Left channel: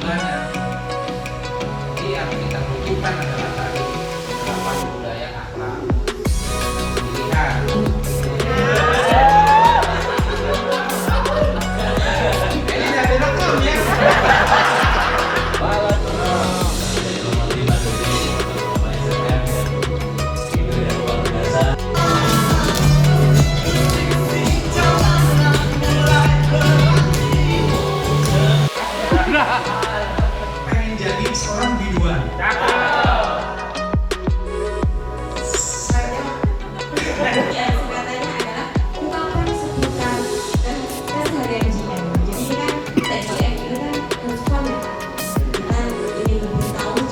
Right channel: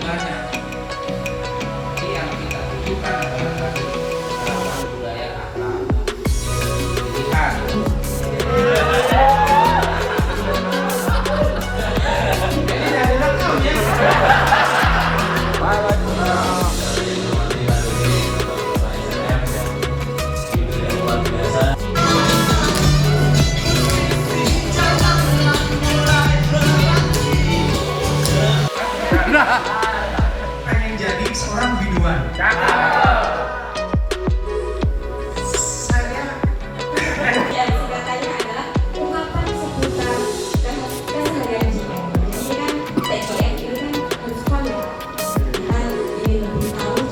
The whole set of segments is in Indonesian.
bunganya. Jadi yang kita butuhkan adalah tadi budaya akhlak. Pilihan. Ini jadi rekam ya. Pengen jadi seorang biduan. Saya yang singkatannya adalah ungkapan seputar dan keseharian JM. Jadi kan TGM itu kan respon ya, kita jadi lebih tahu.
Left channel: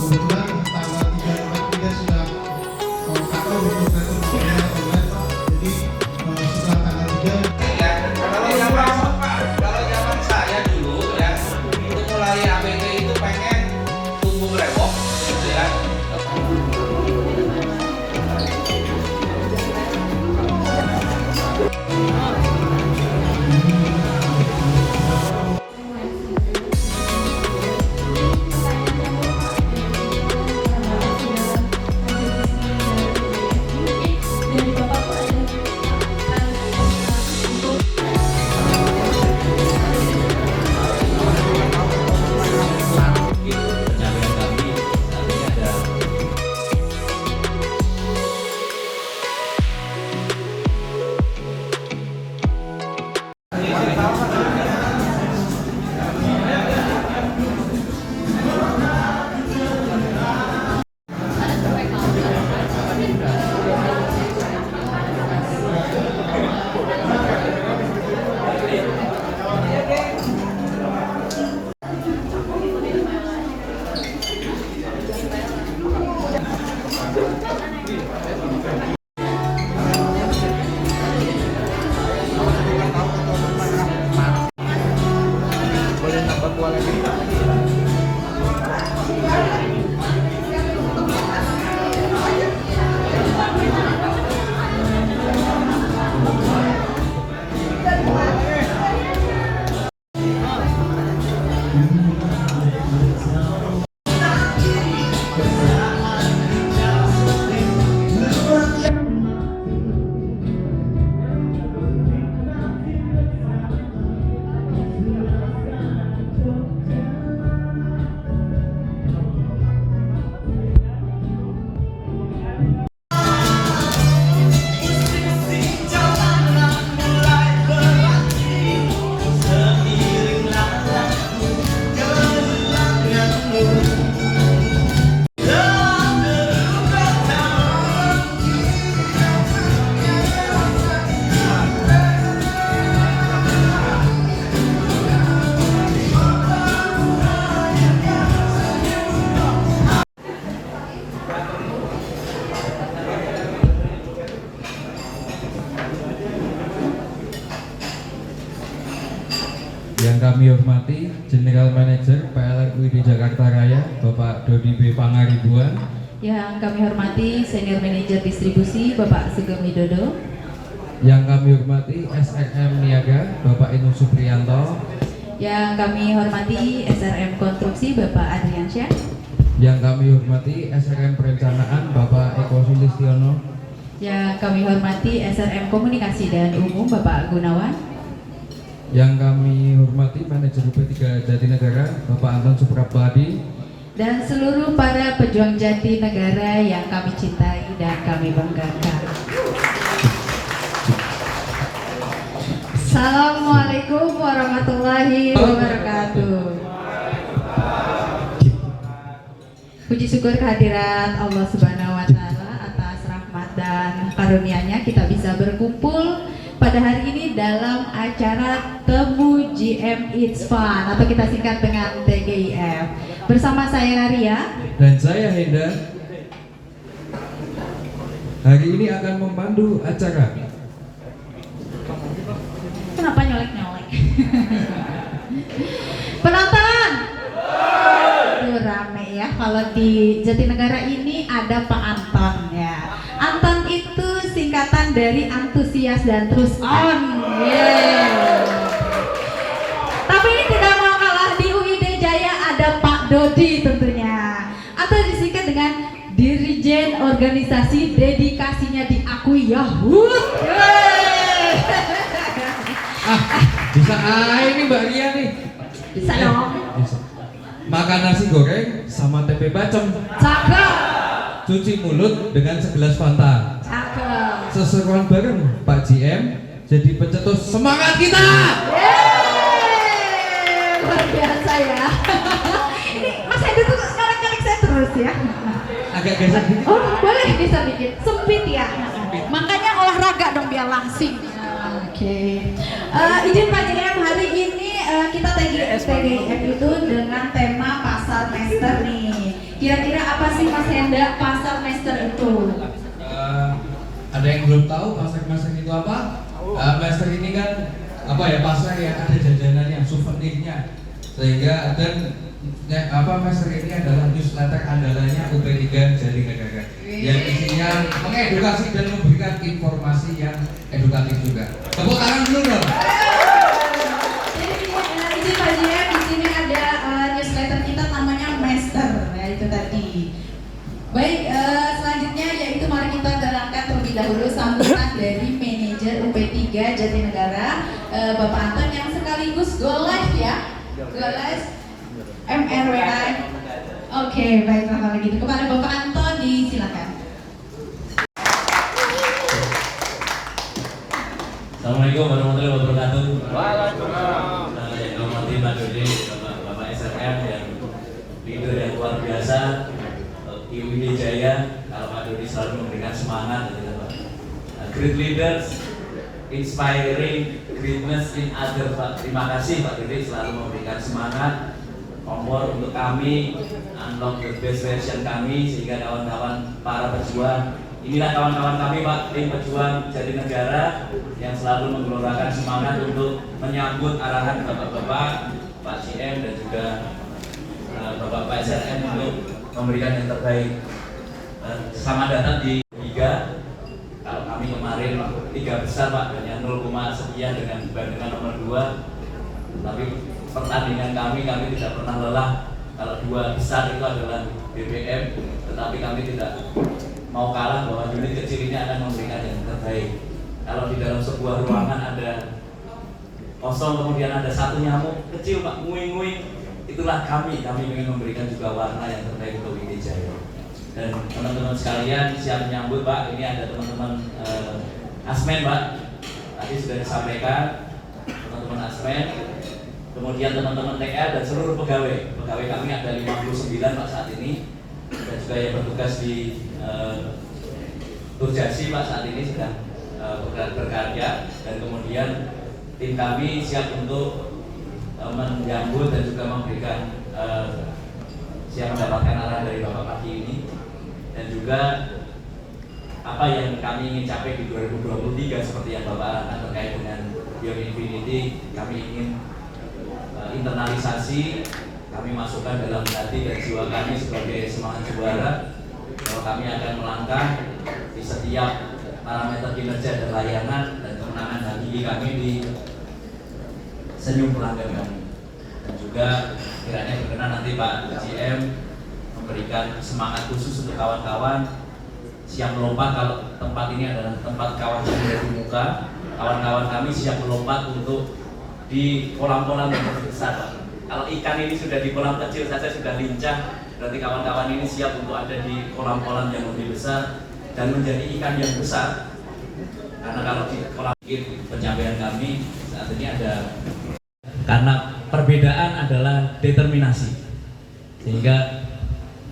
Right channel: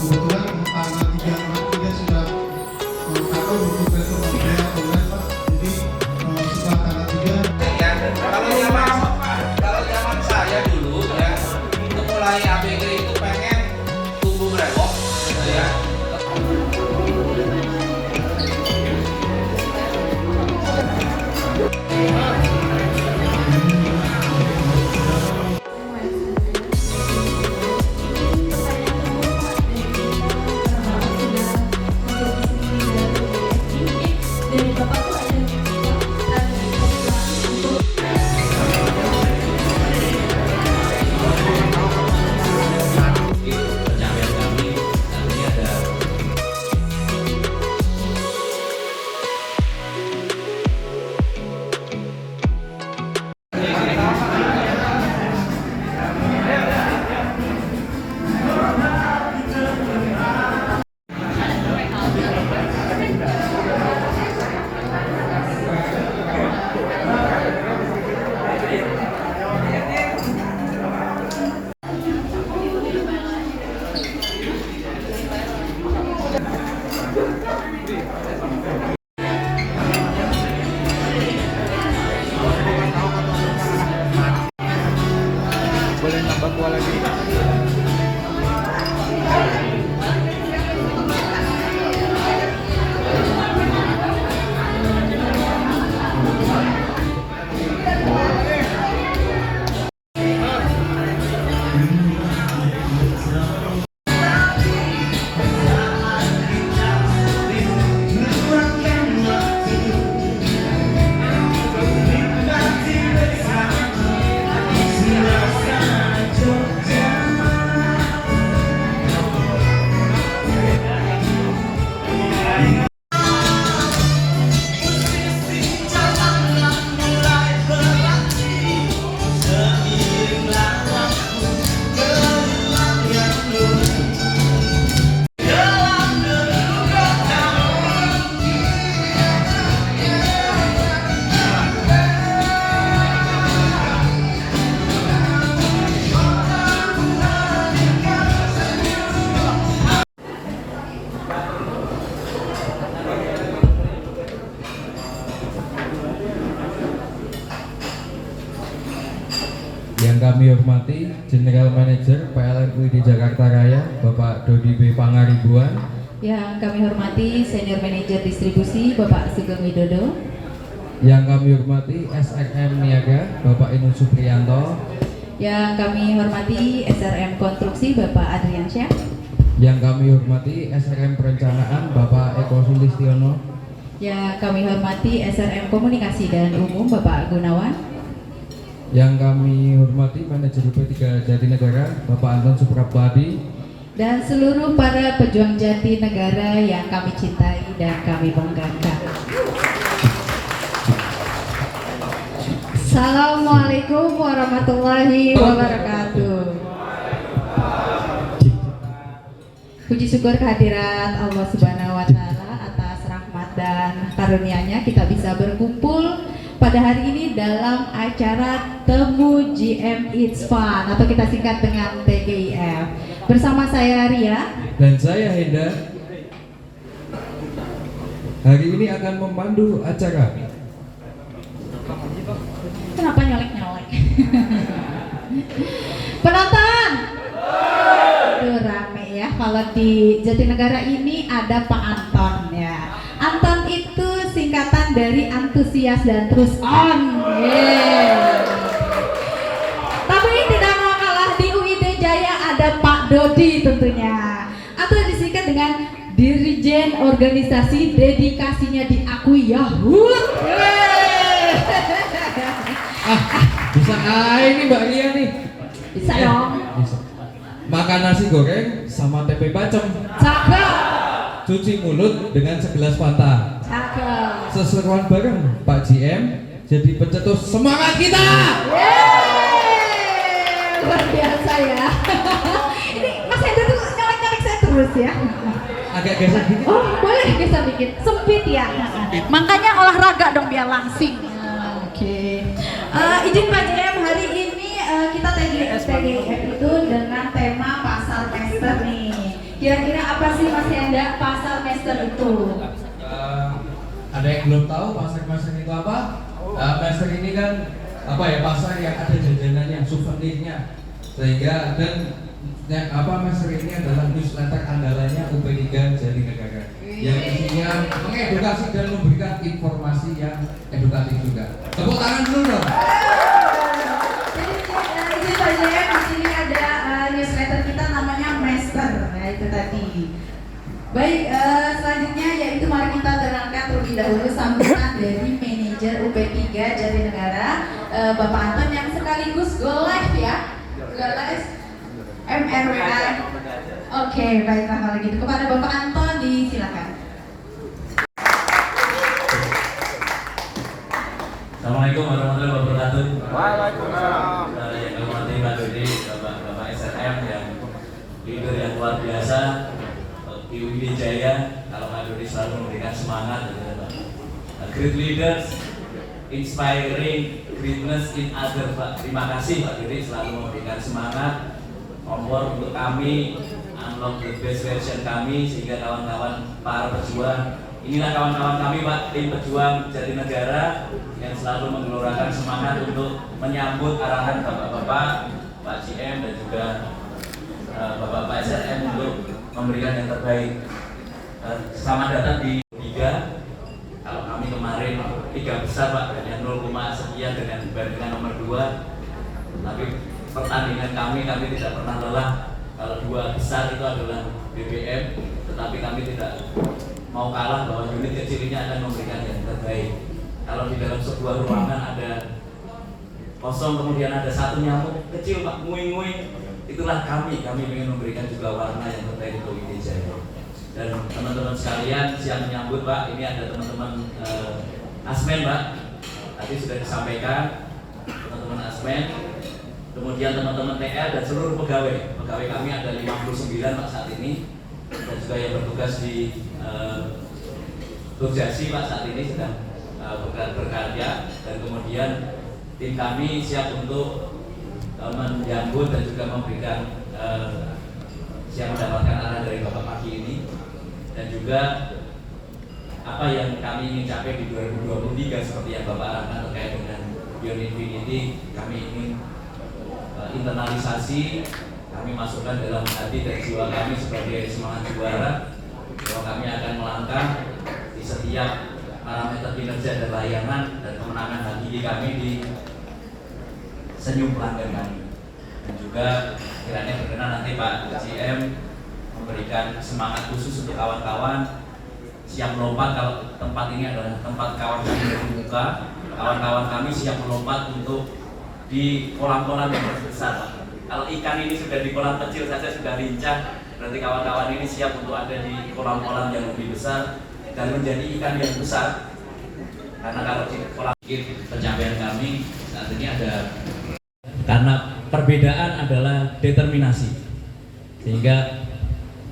Kebetulan tanggal 3 Maret sudah aku untuk itu membayar bulan Pak. Jadi setelah tanggal 3 Ya, kalau zaman saya dulu ya, itu mulai ABG itu pengen tumbuh brewok gitu ya. Dari Bapak tuh ada Pencapaian kami saat ini ada boleh nambah kualitas. Yang kami hormati General Manager PLRU di Jakarta Raya Bapak Dodi B. Pangaribuan, yang kami hormati Senior Manager Distribusi Bapak Sugeng Widodo, yang kami hormati SRM Niaga Bapak Inul Supriyanto, yang kami hormati SRM Konstruksi Bapak Adriansyah, yang kami hormati SRM Perencanaan Bapak Eko Sulistiono, yang kami hormati SRM Komunikasi dan Umum Bapak Gunawan, yang kami hormati Manajer UP3 Jatinegara Bapak Anton Suprapadi, dan seluruh para pejuang Jatinegara yang kami cintai dan kami banggakan. Assalamualaikum warahmatullahi wabarakatuh. Puji syukur kehadiran Allah Subhanahu wa Ta'ala atas rahmat dan karunia-Nya kita bisa berkumpul pada hari ini dalam acara Temu GM It's Fun atau kita singkat dengan TGIF. Bersama saya Ria dan saya Henda. Hari ini akan memandu acara. Kenapa nyolek-nyolek? Penonton! Tuh rame ya, kalau di Jatinegara ini ada Pak Anton ya. Anton itu singkatan dari antusias dan terus on. Yeah. Tapi tidak mau kalah di UID Pak Dodi tentunya, atau disingkat dengan Dirjen Organisasi, dedikasinya diakui Yahud. Bisa ini Mbak Ria nih. Bisa dong. Bisa. Makan nasi goreng sama tempe bacem. Cakep. Cuci mulut dengan segelas Fanta. Cakep. Seseruan bareng Pak GM jadi pencetus semangat kita. Yeay, luar biasa ya. Ini Mas Hendro tuh nyalek-nyalek saya terus ya. Agak geser dikit. Oh boleh geser dikit, sempit ya. Makanya olahraga dong biar langsing. Oke. Izin Pak GM, hari ini kita tadi SPDM itu dengan tema pasar master nih. Kira-kira apa sih Mas Hendra pasar master itu? Ada yang belum tahu pasar itu apa? Master ini kan apa ya, pasar yang ada jajanannya, souvenirnya, sehingga dan master ini adalah newsletter andalannya UP3 Jatinegara yang isinya mengedukasi dan memberikan informasi yang edukatif juga. Tepuk tangan dulu dong. Jadi izin Pak GM, di sini ada newsletter kita namanya Master. Nah itu tadi. Baik, selanjutnya yaitu mari kita dengarkan terlebih dahulu sambutan dari manajer UP3 Jatinegara, Bapak Anton yang sekaligus go live ya, go live MRWA. Oke, baiklah kalau gitu kepada Bapak Anton disilakan. Assalamualaikum warahmatullahi wabarakatuh. Waalaikumsalam. Yang hormati Pak Dodi, Bapak SRM yang leader yang luar biasa, IWD Jaya. Kalau Pak Dodi selalu memberikan semangat, gitu Pak. Great leaders, inspiring greatness in other Pak. Terima kasih Pak Dodi selalu memberikan semangat, kompor untuk kami, unlock the best version kami sehingga kawan-kawan para pejuang. Inilah kawan-kawan kami Pak, tim pejuang Jatinegara yang selalu menggelorakan semangat untuk menyambut arahan Bapak-Bapak, Pak GM dan juga Bapak-Bapak SRM untuk memberikan yang terbaik. Selamat datang di 3. Kalau kami kemarin 3 besar Pak, hanya 0, sekian dengan dibandingkan nomor 2. Tapi pertandingan kami tidak pernah lelah. Kalau 2 besar itu adalah BBM, tetapi kami tidak mau kalah bahwa unit kecil ini akan memberikan yang terbaik. Kalau di dalam sebuah ruangan ada kosong kemudian ada satu nyamuk kecil Pak, nguing-nguing, itulah kami ingin memberikan juga warna yang terbaik untuk IWD Jaya. Dan teman-teman sekalian siap menyambut Pak, ini ada teman-teman Asmen Pak, tadi sudah disampaikan teman-teman Asmen, kemudian teman-teman TA dan seluruh pegawai kami ada 59 Pak saat ini, dan juga yang bertugas di Turjasi Pak saat ini sedang berkarya, dan kemudian tim kami siap untuk menyambut dan juga memberikan siap mendapatkan arahan dari Bapak pagi ini, dan juga apa yang kami ingin capai di 2023 seperti yang Bapak arahkan terkait dengan Beyond Infinity. Kami ingin internalisasi, kami masukkan dalam hati dan jiwa kami sebagai semangat juara bahwa kami akan melangkah di setiap parameter kinerja dan layanan dan kemenangan bagi kami di senyum pelanggan kami. Dan juga kiranya berkenan nanti Pak GM memberikan semangat khusus untuk kawan-kawan siap melompat. Kalau tempat ini adalah tempat kawan kami dari muka, kawan-kawan kami siap melompat untuk di kolam-kolam yang lebih besar Pak. Kalau ikan ini sudah di kolam kecil saja sudah lincah, berarti kawan-kawan ini siap untuk ada di kolam-kolam yang lebih besar dan menjadi ikan yang besar. Karena kalau di kolam pencapaian kami saat ini ada, karena perbedaan adalah determinasi, sehingga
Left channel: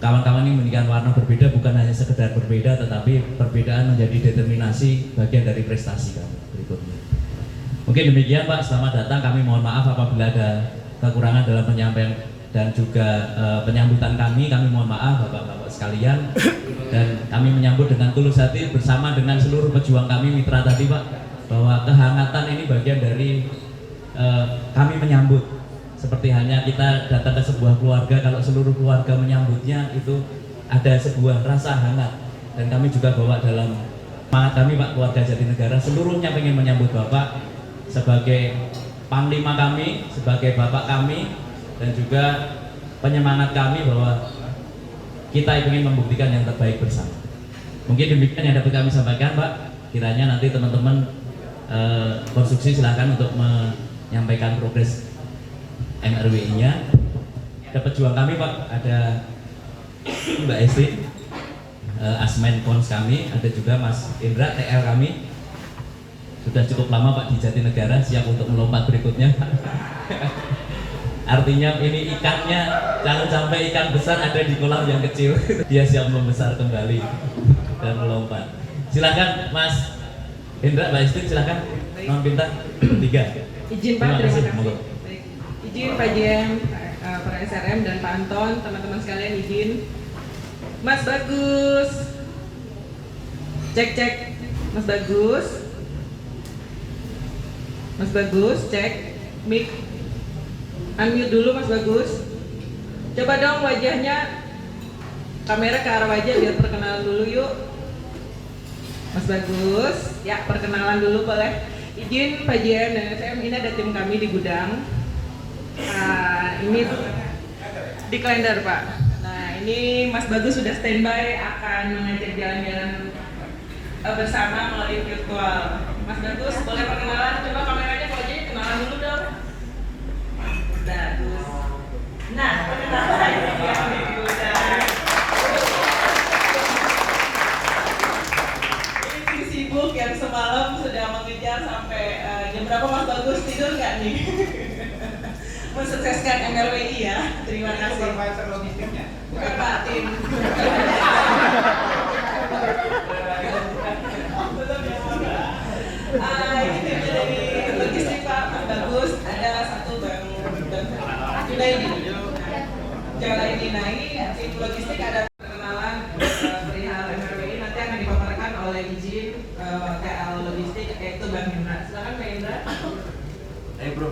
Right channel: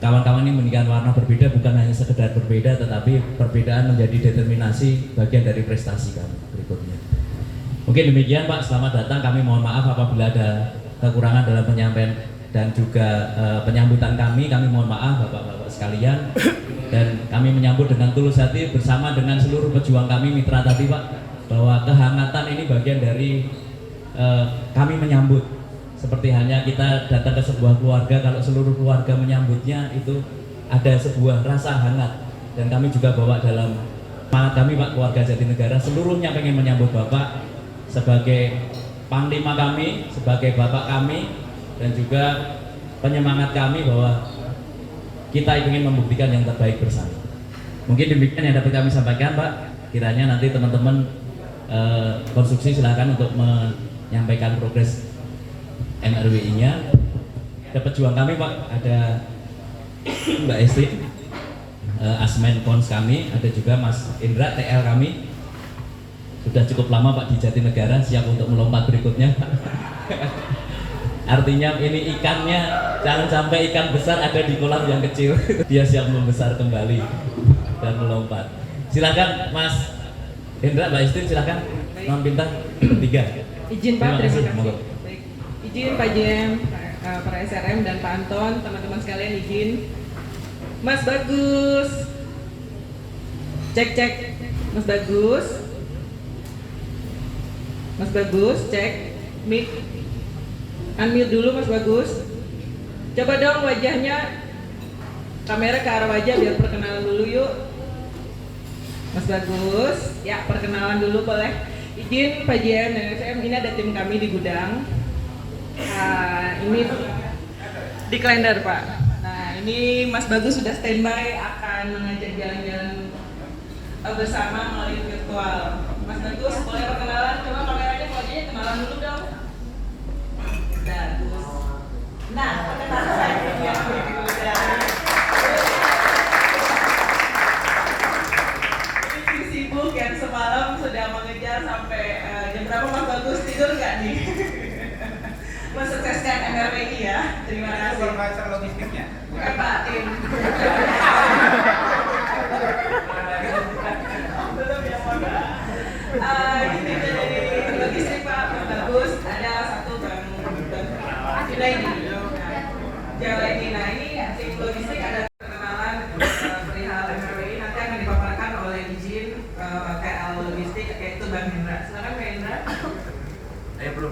kawan-kawan ini memberikan warna berbeda, bukan hanya sekedar berbeda, tetapi perbedaan menjadi determinasi bagian dari prestasi kami berikutnya. Mungkin demikian Pak, selamat datang. Kami mohon maaf apabila ada kekurangan dalam penyampaian dan juga penyambutan kami mohon maaf Bapak-Bapak sekalian, dan kami menyambut dengan tulus hati bersama dengan seluruh pejuang kami mitra tadi Pak, bahwa kehangatan ini bagian dari kami menyambut. Seperti hanya kita datang ke sebuah keluarga, kalau seluruh keluarga menyambutnya itu ada sebuah rasa hangat, dan kami juga bawa dalam semangat kami Pak, keluarga Jatinegara seluruhnya pengen menyambut Bapak sebagai panglima kami, sebagai bapak kami, dan juga penyemangat kami bahwa kita ingin membuktikan yang terbaik bersama. Mungkin demikian yang dapat kami sampaikan, Pak. Kiranya nanti teman-teman konstruksi silakan untuk menyampaikan progres MRWI-nya. Ada pejuang kami, Pak, ada Mbak Esti, Asmen Kons kami, ada juga Mas Indra TL kami. Sudah cukup lama Pak di Jatinegara, siap untuk melompat berikutnya. Artinya ini ikannya jangan sampai ikan besar ada di kolam yang kecil. Dia siap membesar kembali dan melompat. Silakan Mas Indra, Mbak Esti, silakan Nom Pinta bertiga. Izin Pak, terima kasih. Monggo. Baik. Izin Pak JM, para SRM dan Pak Anton, teman-teman sekalian izin. Mas Bagus. Cek. Mas Bagus. Mas Bagus, cek. Mic. Unmute dulu Mas Bagus. Coba dong wajahnya. Kamera ke arah wajah biar perkenalan dulu yuk. Mas Bagus, ya perkenalan dulu boleh. Izin Pak JM dan SM, ini ada tim kami di gudang. Ini di kalender Pak. Nah ini Mas Bagus sudah standby akan mengajak jalan-jalan bersama melalui virtual. Mas Bagus boleh perkenalan, coba kameranya wajahnya kenalan dulu dong. Bagus. Nah perkenalan ya di gudang. Ini sibuk yang semalam sudah mengejar sampai jam berapa Mas Bagus, tidur nggak nih? Mensukseskan MRWI ya, terima kasih. Supervisor logistiknya. Bukan Pak Tim. Belum ya, mohon maaf. Ini tim dari logistik Pak, Mas Bagus. Ada satu Bang Junaidi. Nah ini tim logistik ada perkenalan perihal MRWI nanti akan dipaparkan oleh izin TL logistik yaitu Bang Hendra. Silakan Bang Hendra. Ayo bro,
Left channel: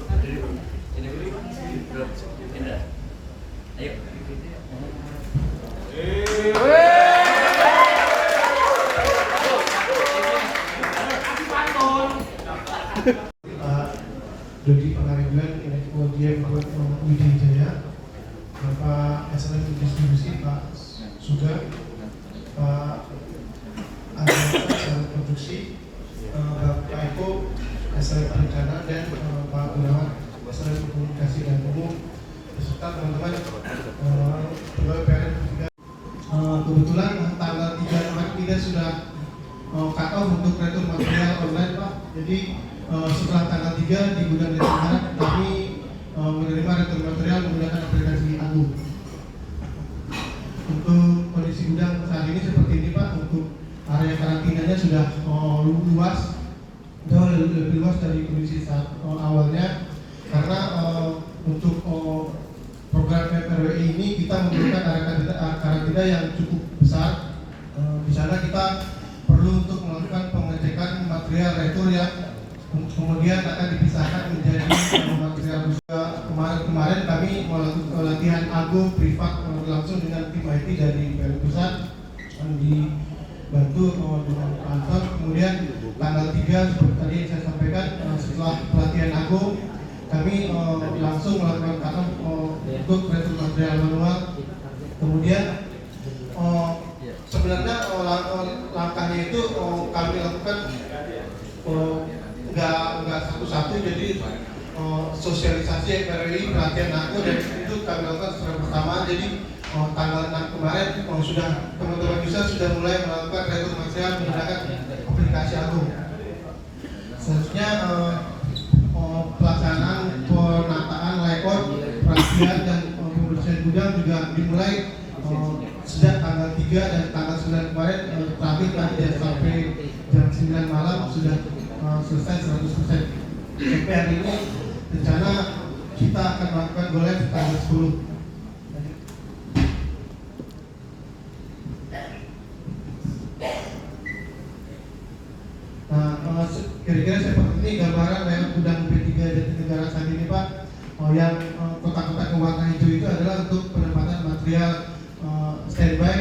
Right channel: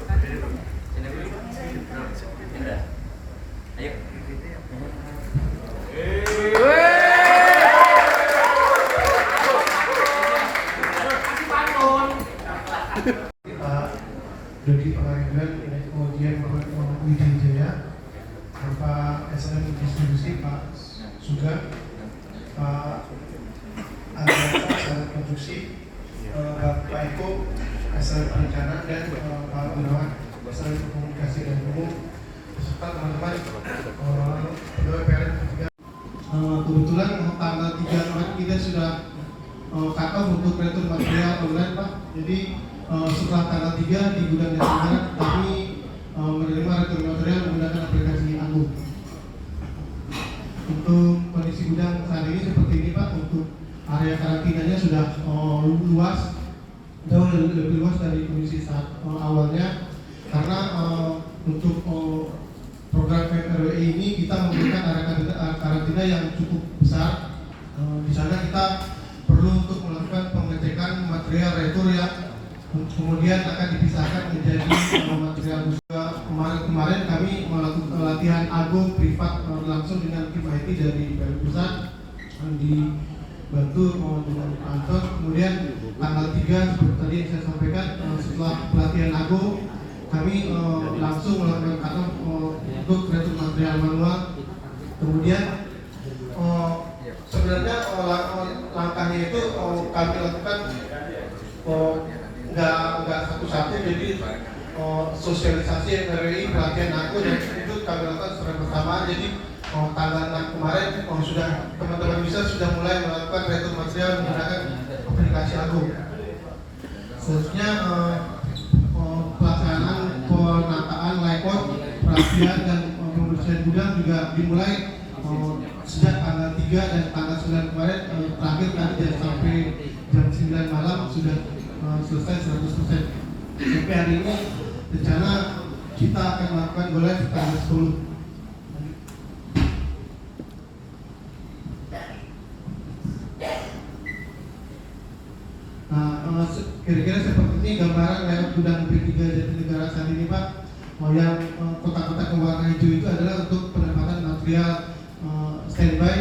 ini bro. Indra. Ayo. Kita Dodi Pengariban, kemudian Widya Jaya, Bapak SLM Distribusi Pak Sugeng, Pak Andra SLM Produksi, Bapak Eko SLM Perencanaan, dan Pak Gunawan SLM Komunikasi dan Umum, beserta teman-teman pegawai PLN. Kebetulan tanggal 3 Maret kita sudah cut off untuk retur material online Pak. Jadi setelah tanggal 3 di gudang Jatinegara kami menerima retur material menggunakan aplikasi Agung. Untuk kondisi gudang saat ini seperti ini Pak. Untuk area karantinanya sudah luas, jauh lebih luas dari kondisi saat awalnya, karena untuk program MRWI ini kita memberikan area karantina yang cukup besar. Di sana kita perlu untuk melakukan pengecekan material retur yang kemudian akan dipisahkan menjadi material kemarin kami melakukan latihan Agung privat langsung dengan tim IT dari PLN Pusat dibantu dengan Anton. Kemudian tanggal 3 seperti tadi yang saya sampaikan, setelah pelatihan Agung kami langsung melakukan cut-off untuk retur material manual. Kemudian sebenarnya langkahnya itu kami lakukan nggak satu-satu, jadi sosialisasi MRWI, pelatihan aku, dan itu kami lakukan secara bersama. Jadi tanggal 6 kemarin sudah teman-teman bisa sudah mulai melakukan retur material menggunakan aplikasi Agung. Selanjutnya pelaksanaan penataan layout, perapian dan pembersihan gudang juga dimulai sejak tanggal 3 dan tanggal 9 kemarin. Terakhir tadi sampai jam 9 malam sudah selesai 100%. Sampai hari ini rencana kita akan melakukan go live tanggal 10. Nah, kira-kira seperti ini gambaran lewat gudang P3 Jatinegara saat ini Pak. Yang kotak-kotak warna hijau itu adalah untuk penempatan material standby.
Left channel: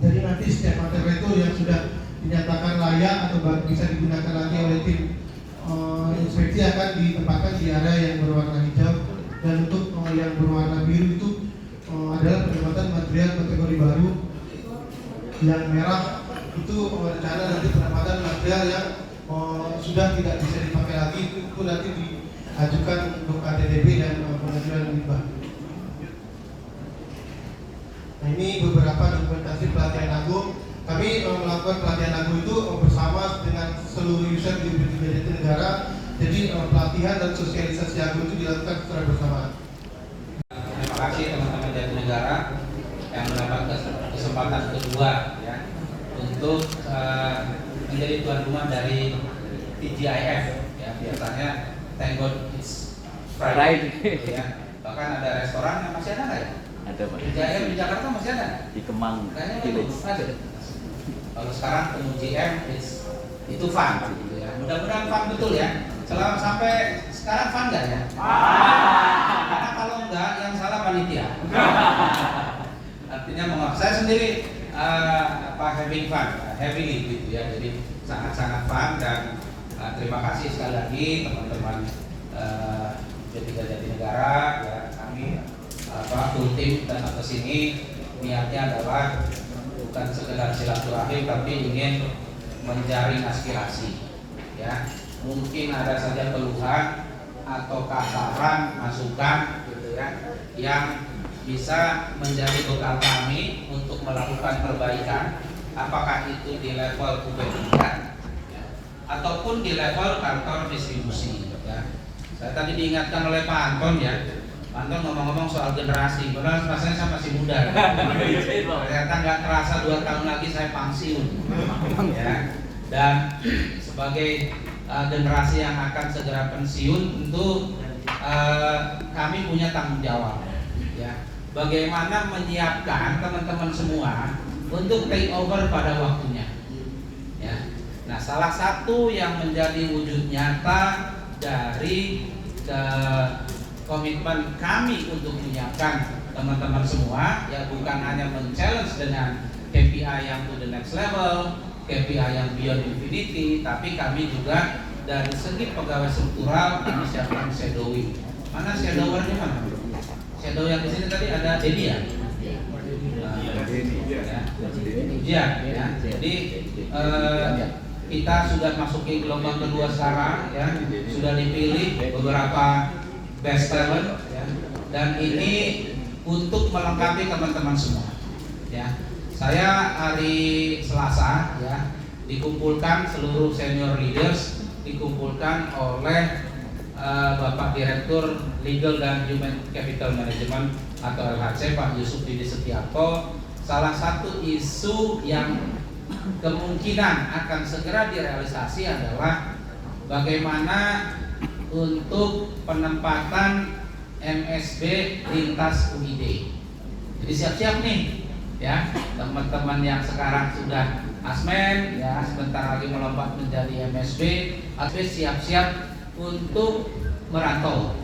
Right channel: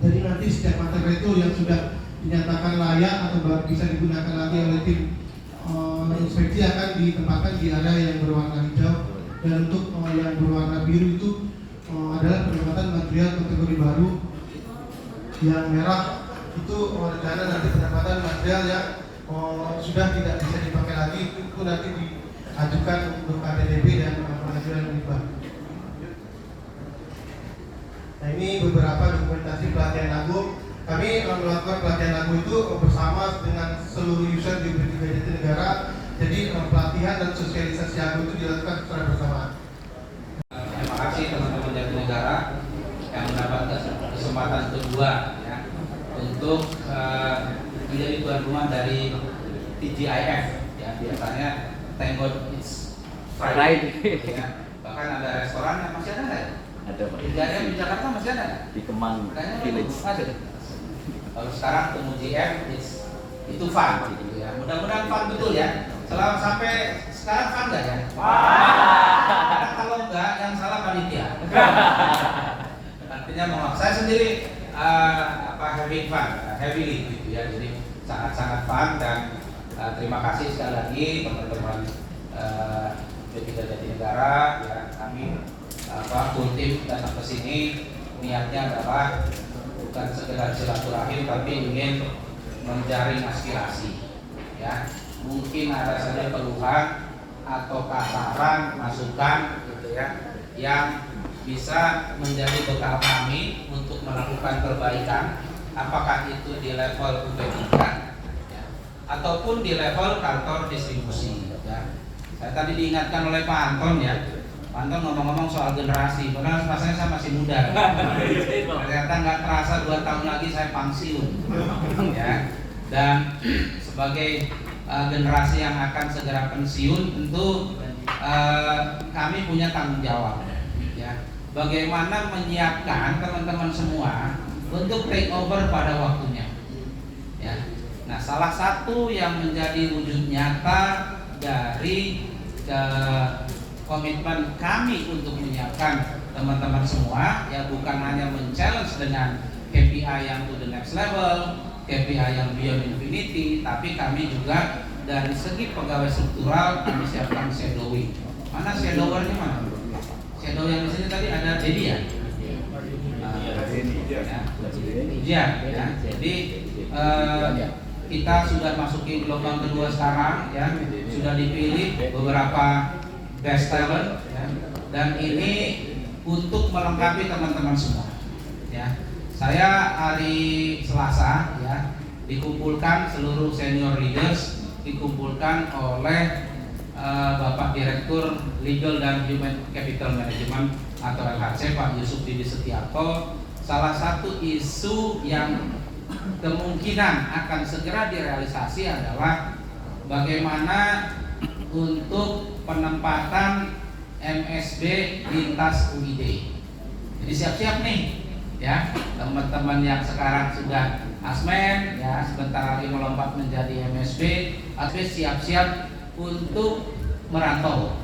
Jadi nanti setiap material itu yang sudah dinyatakan layak atau bisa digunakan nanti oleh tim inspeksi akan ditempatkan di area yang berwarna hijau. Dan untuk yang berwarna biru itu adalah penempatan material kategori baru. Yang merah itu rencana nanti penempatan material yang sudah tidak bisa dipakai lagi, itu nanti diajukan untuk KDDB dan pengajuan limbah. Nah, ini beberapa dokumentasi pelatihan agung. Kami melakukan pelatihan agung itu bersama dengan seluruh user di Brigade Jatinegara. Jadi pelatihan dan sosialisasi agung itu dilakukan secara bersamaan. Terima kasih teman-teman Jatinegara yang mendapat kesempatan kedua ya untuk menjadi tuan rumah dari TGIF ya. Biasanya thank God it's Friday ya. Bahkan ada restoran yang masih ada nggak ya? Ada Pak. TGIF di Jakarta masih ada? Di Kemang Kayaknya Village. ada. Kalau sekarang temu GM itu fun gitu ya. Mudah-mudahan fun betul ya. Selama sampai sekarang fun nggak ya? Karena kalau enggak yang salah panitia. Artinya mohon saya sendiri having fun, heavily gitu ya. Jadi sangat-sangat fun dan terima kasih sekali lagi teman-teman P3 Jatinegara ya. Kami full tim datang ke sini niatnya adalah bukan sekedar silaturahmi tapi ingin menjaring aspirasi ya. Mungkin ada saja keluhan atau saran masukan gitu ya yang bisa menjadi bekal kami untuk melakukan perbaikan, apakah itu di level UP3 ya, ataupun di level kantor distribusi ya. Saya tadi diingatkan oleh Pak Anton ya, Pak Anton ngomong-ngomong soal generasi, padahal rasanya saya masih muda ya. Ternyata nggak terasa 2 tahun lagi saya pensiun ya. Dan sebagai generasi yang akan segera pensiun tentu kami punya tanggung jawab ya. Bagaimana menyiapkan teman-teman semua untuk take over pada waktunya ya. Nah, salah satu yang menjadi wujud nyata dari komitmen kami untuk menyiapkan teman-teman semua ya, bukan hanya men-challenge dengan KPI yang to the next level, KPI yang beyond infinity, tapi kami juga dari segi pegawai struktural kami siapkan shadowing. Mana shadowernya mana? Shadow yang di sini tadi ada Dedi ya? Ya. Jadi kita sudah masuki gelombang kedua sekarang ya, sudah dipilih beberapa best talent ya, dan ini untuk melengkapi teman-teman semua ya. Saya hari Selasa ya dikumpulkan seluruh senior leaders, dikumpulkan oleh Bapak Direktur Legal dan Human Capital Management atau LHC Pak Yusuf Didi Setiarto. Salah satu isu yang kemungkinan akan segera direalisasi adalah bagaimana untuk penempatan MSB lintas UID. Jadi siap-siap nih ya, teman-teman yang sekarang sudah asmen ya, sebentar lagi melompat menjadi MSB, siap-siap untuk merantau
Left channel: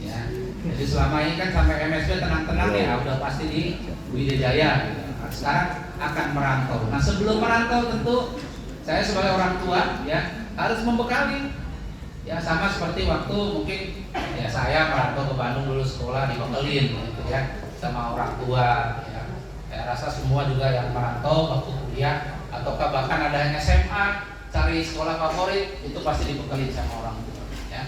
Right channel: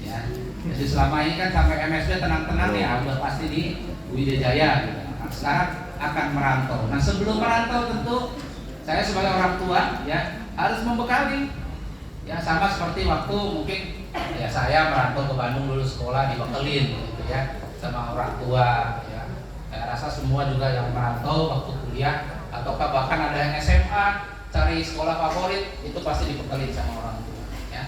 ya. Jadi selama ini kan sampai MSB tenang-tenang ya, udah pasti di Wijaya gitu. Nah, sekarang akan merantau. Nah, sebelum merantau tentu saya sebagai orang tua ya harus membekali ya, sama seperti waktu mungkin ya saya merantau ke Bandung dulu sekolah dibekelin gitu ya sama orang tua ya. Saya rasa semua juga yang merantau waktu kuliah ataukah bahkan ada yang SMA cari sekolah favorit itu pasti dibekelin sama orang tua ya.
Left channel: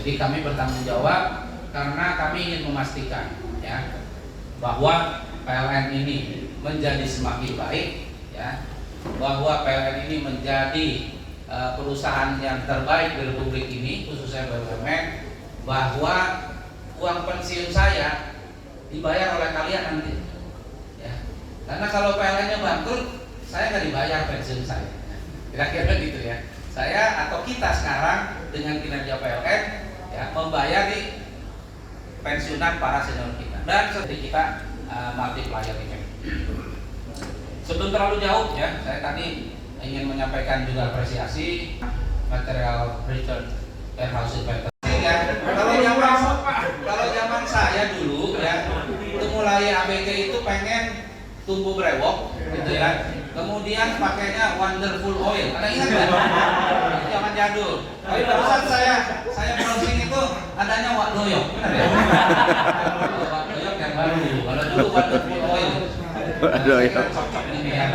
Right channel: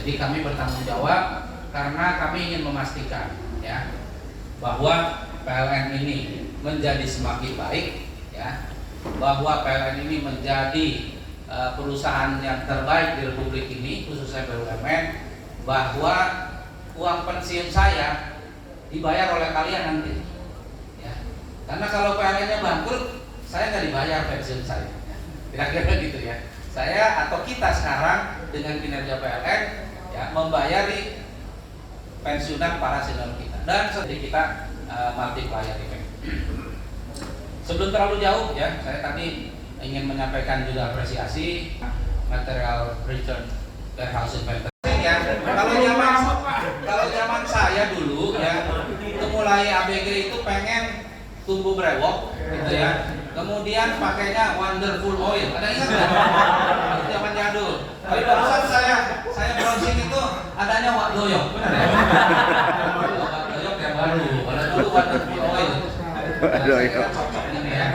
Jadi kami bertanggung jawab karena kami ingin memastikan ya bahwa PLN ini menjadi semakin baik ya, bahwa PLN ini menjadi perusahaan yang terbaik di Republik ini khususnya BUMN, bahwa uang pensiun saya dibayar oleh kalian nanti ya. Karena kalau PLN-nya bangkrut saya nggak dibayar pensiun saya ya. Kira-kira gitu ya. Saya atau kita sekarang dengan kinerja PLN ya membayari pensiunan para senior kita dan seperti kita multiplier event. Sebelum terlalu jauh ya, saya tadi ingin menyampaikan juga apresiasi material return warehouse inventory ya. Kalau zaman saya dulu ya, itu mulai ABG itu pengen tumbuh brewok gitu ya. Kemudian pakainya wonderful oil. Ada ingat nggak? Itu zaman jadul. Tapi barusan saya browsing itu adanya Wak Doyok, benar ya? Wak Doyok yang baru saya kira cocok ini ya.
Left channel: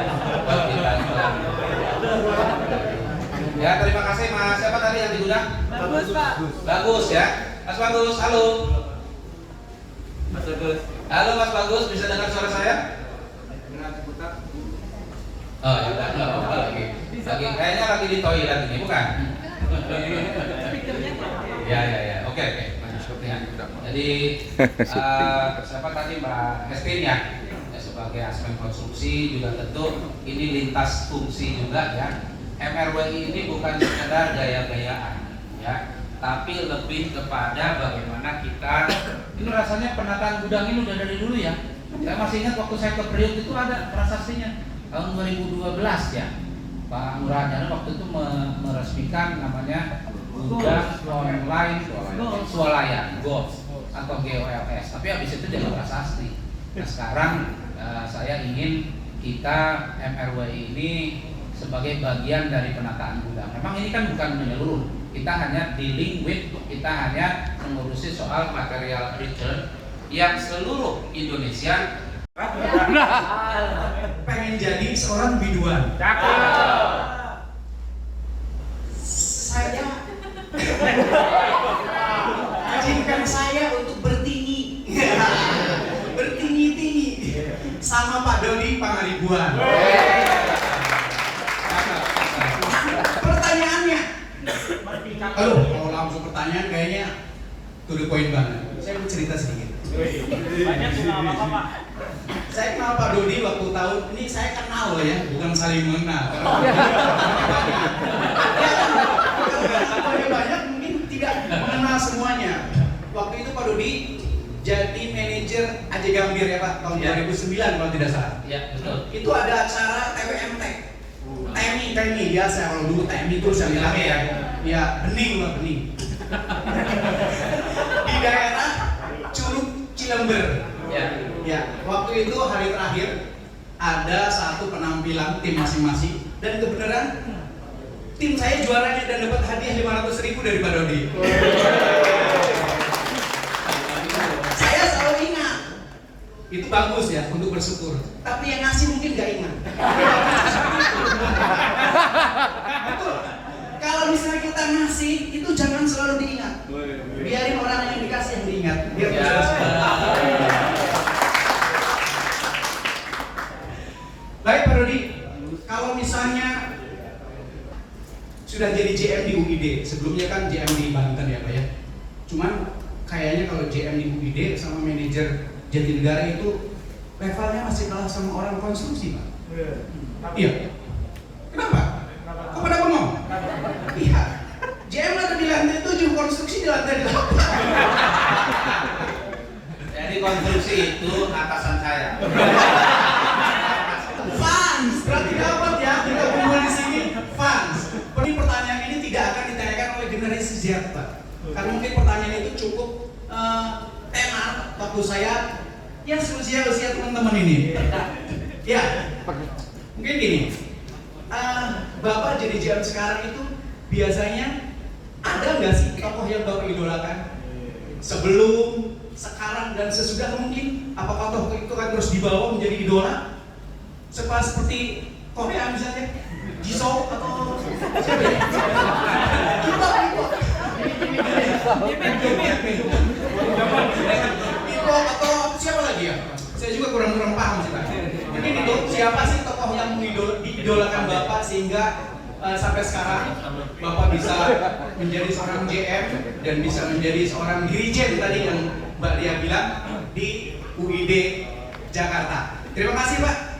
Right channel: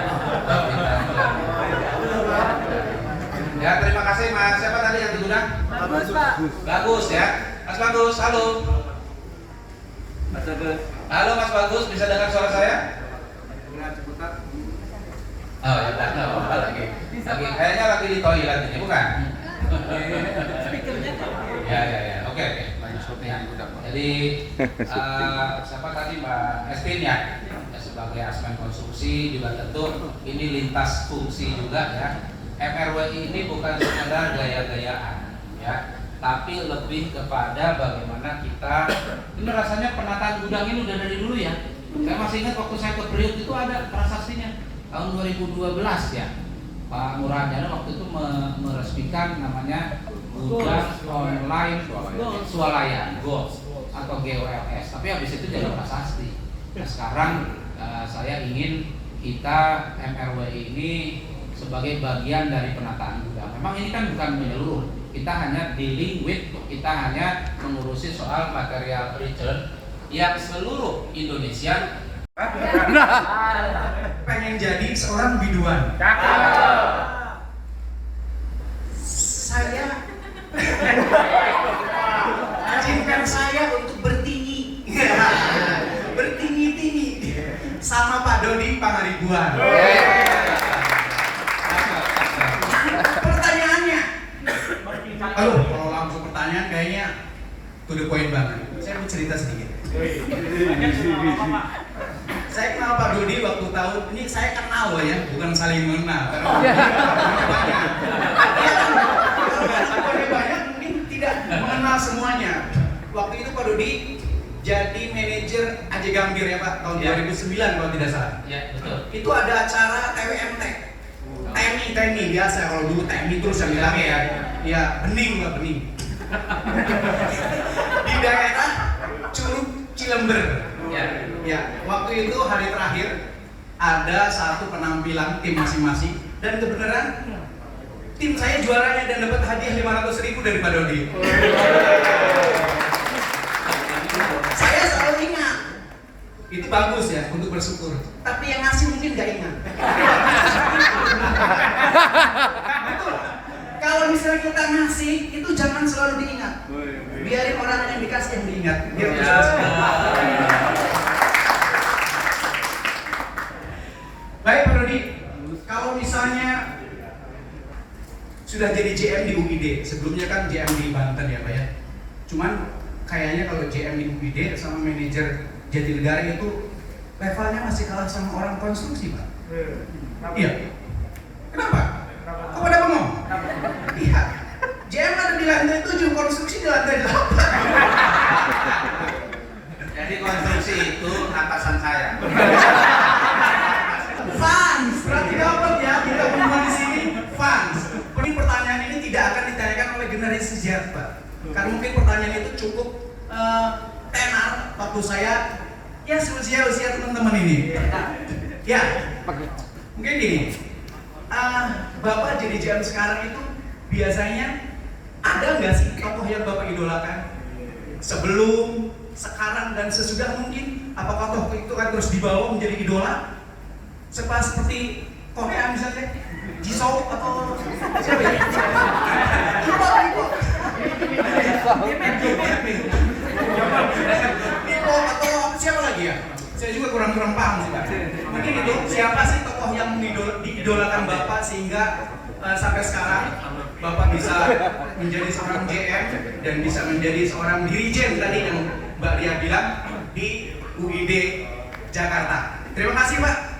Ya, terima kasih Mas. Siapa tadi yang diundang? Bagus, Pak. Bagus ya. Mas Bagus, halo. Mas Bagus. Halo Mas Bagus, bisa dengar suara saya? Oh, ya udah, nggak apa-apa lagi. Kayaknya lagi di toilet ini, bukan? Ya. Oke. Ya. Jadi siapa tadi Mbak Estin ya? Ya, sebagai asmen konstruksi juga tentu ini lintas fungsi juga ya. MRWI ini bukan sekedar gaya-gayaan ya, tapi lebih kepada bagaimana kita ini rasanya penataan gudang ini udah dari dulu ya. Saya masih ingat waktu saya ke Priok itu ada prasastinya tahun 2012 ya. Pak Muradiana waktu itu meresmikan namanya gudang online swalayan GOLS atau GOLS. Tapi habis itu jadi prasasti. Nah, sekarang saya ingin kita MRWI ini sebagai bagian dari penataan gudang. Memang ini kan bukan menyeluruh. Kita hanya dealing with, kita hanya mengurusi soal material return yang seluruh Indonesia Pengen jadi seorang biduan. Saya izinkan saya untuk bertinggi, bertinggi-tinggi sama Pak Dodi Pangaribuan. Pertanyaannya, aduh, kalau langsung pertanyaan kayaknya to the point banget. Saya mau cerita sedikit. Saya kenal Pak Dodi waktu tahun ini, saya kenal ya, bukan saling mengenal. Karena banyak mungkin tidak mengenal semuanya. Waktu itu Pak Dodi jadi manajer Aji Gambir ya Pak, tahun 2009 kalau tidak salah. ya betul. Itu ada acara TWM Tech. TMI biasa, kalau dulu TMI terus yang bilang ya bening lah, bening. Di daerah Curug Cilember. Ya, waktu itu hari terakhir ada satu penampilan tim masing-masing dan kebenaran tim saya juaranya dan dapat hadiah 500.000 dari Pak Dodi. Saya selalu ingat itu bagus ya untuk bersyukur. Tapi yang ngasih mungkin nggak ingat. Betul. Kalau misalnya kita ngasih itu jangan selalu diingat. Biarin orang yang dikasih yang diingat. Biar baik Pak Dodi, kalau misalnya sudah jadi GM di UID, sebelumnya kan GM di Banten ya Pak ya. Cuman kayaknya kalau GM di UID sama manajer Jatinegara itu levelnya masih kalah sama orang konstruksi Pak. Iya. Kenapa? Kok pada bengong? Iya. GM ada di lantai 7, konstruksi di lantai 8. Jadi konstruksi itu atasan saya. Fans, berarti dapat ya kita berdua di sini fans. Ini pertanyaan ini tidak akan ditanyakan oleh generasi sejarah Pak. Karena mungkin pertanyaan itu cukup tenar waktu saya ya usia teman-teman ini. Ya, mungkin gini. Bapak jadi GM sekarang itu biasanya ada nggak sih tokoh yang Bapak idolakan? Sebelum, sekarang, dan sesudah mungkin? Apakah tokoh itu kan terus dibawa menjadi idola? Seperti Korea misalnya, Jisoo atau siapa ya? Ipo atau siapa lagi ya? Saya juga kurang paham sih Pak. Mungkin itu siapa sih tokoh yang diidolakan Bapak sehingga sampai sekarang Bapak bisa menjadi seorang GM dan bisa menjadi seorang dirijen tadi yang Mbak Lia bilang di UID Jakarta. Terima kasih Pak.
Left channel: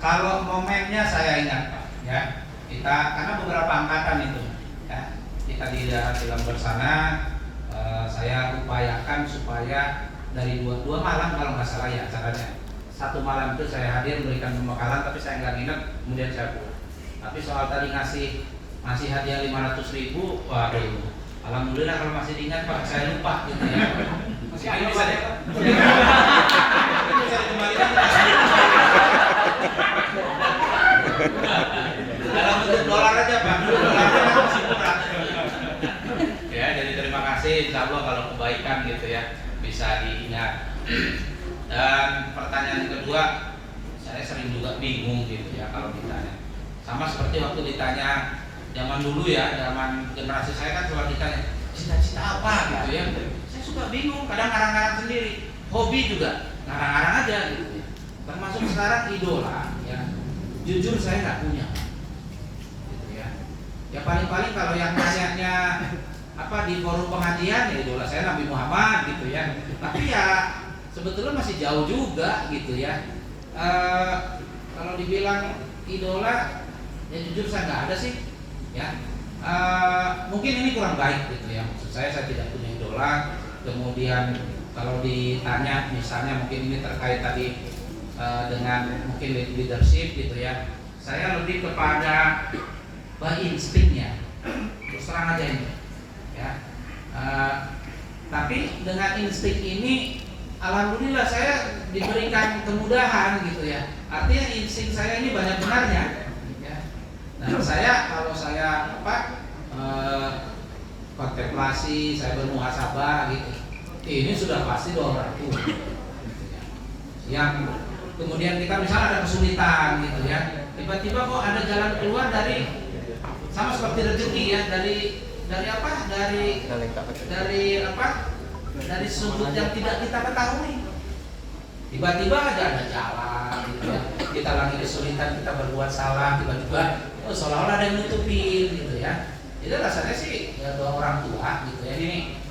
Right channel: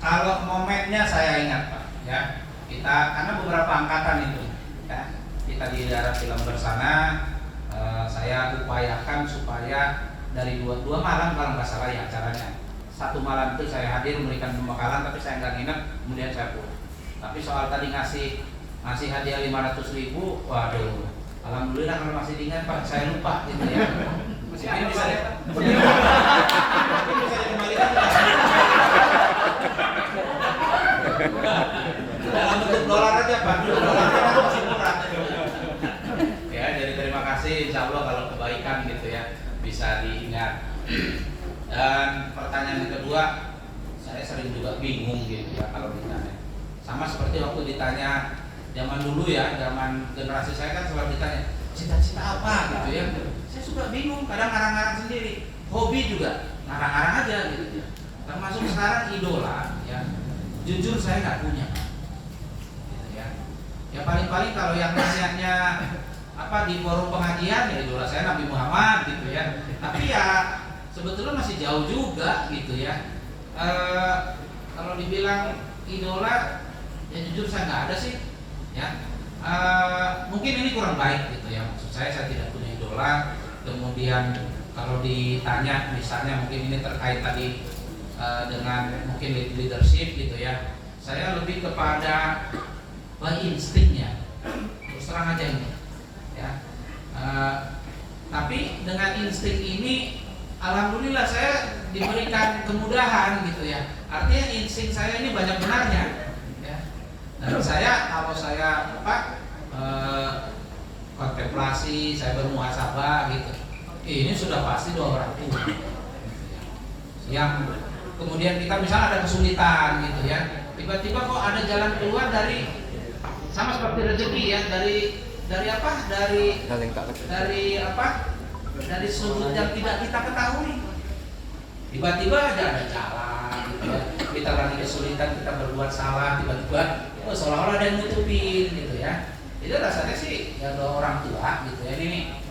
Kalau momennya saya ingat Pak, ya kita karena beberapa angkatan itu, ya kita di daerah Cilember sana, saya upayakan supaya dari dua malam kalau nggak salah ya acaranya. Satu malam itu saya hadir memberikan pembekalan, tapi saya nggak ingat, kemudian saya pulang. Tapi soal tadi ngasih hadiah 500.000, waduh, alhamdulillah kalau masih diingat Pak, saya lupa gitu ya. Ini bisa dikembalikan dalam bentuk dolar aja Pak, dolarnya masih murah. Ya, jadi terima kasih, insya Allah kalau kebaikan gitu ya. bisa diingat. Dan pertanyaan yang kedua, saya sering juga bingung gitu ya kalau ditanya. Sama seperti waktu ditanya zaman dulu ya, zaman generasi saya kan selalu ditanya cita-cita apa gitu ya. Saya suka bingung, kadang ngarang-ngarang sendiri. Hobi juga ngarang-ngarang aja gitu ya. Termasuk sekarang idola ya. Jujur saya nggak punya. Gitu ya. Ya paling-paling kalau yang nanya apa di forum pengajian ya idola saya Nabi Muhammad gitu ya. Tapi ya sebetulnya masih jauh juga gitu ya. Kalau dibilang idola ya jujur saya nggak ada sih ya. Mungkin ini kurang baik gitu ya. Maksud saya tidak punya idola. Kemudian kalau ditanya misalnya mungkin ini terkait tadi dengan mungkin leadership gitu ya. Saya lebih kepada instingnya. Terus terang aja ini ya. Tapi dengan insting ini alhamdulillah saya diberikan kemudahan gitu ya. Artinya insting saya ini banyak benarnya ya. Nah, kalau saya kontemplasi, saya bermuhasabah gitu. Ini sudah pasti doa orang tua. Yang kemudian kita misalnya ada kesulitan gitu ya. Tiba-tiba kok ada jalan keluar dari sama seperti rezeki ya, dari sudut yang tidak kita ketahui. Tiba-tiba ada jalan gitu ya. Kita lagi kesulitan, kita berbuat salah, tiba-tiba seolah-olah ada yang nutupin gitu ya. Itu rasanya sih ya doa orang tua gitu ya.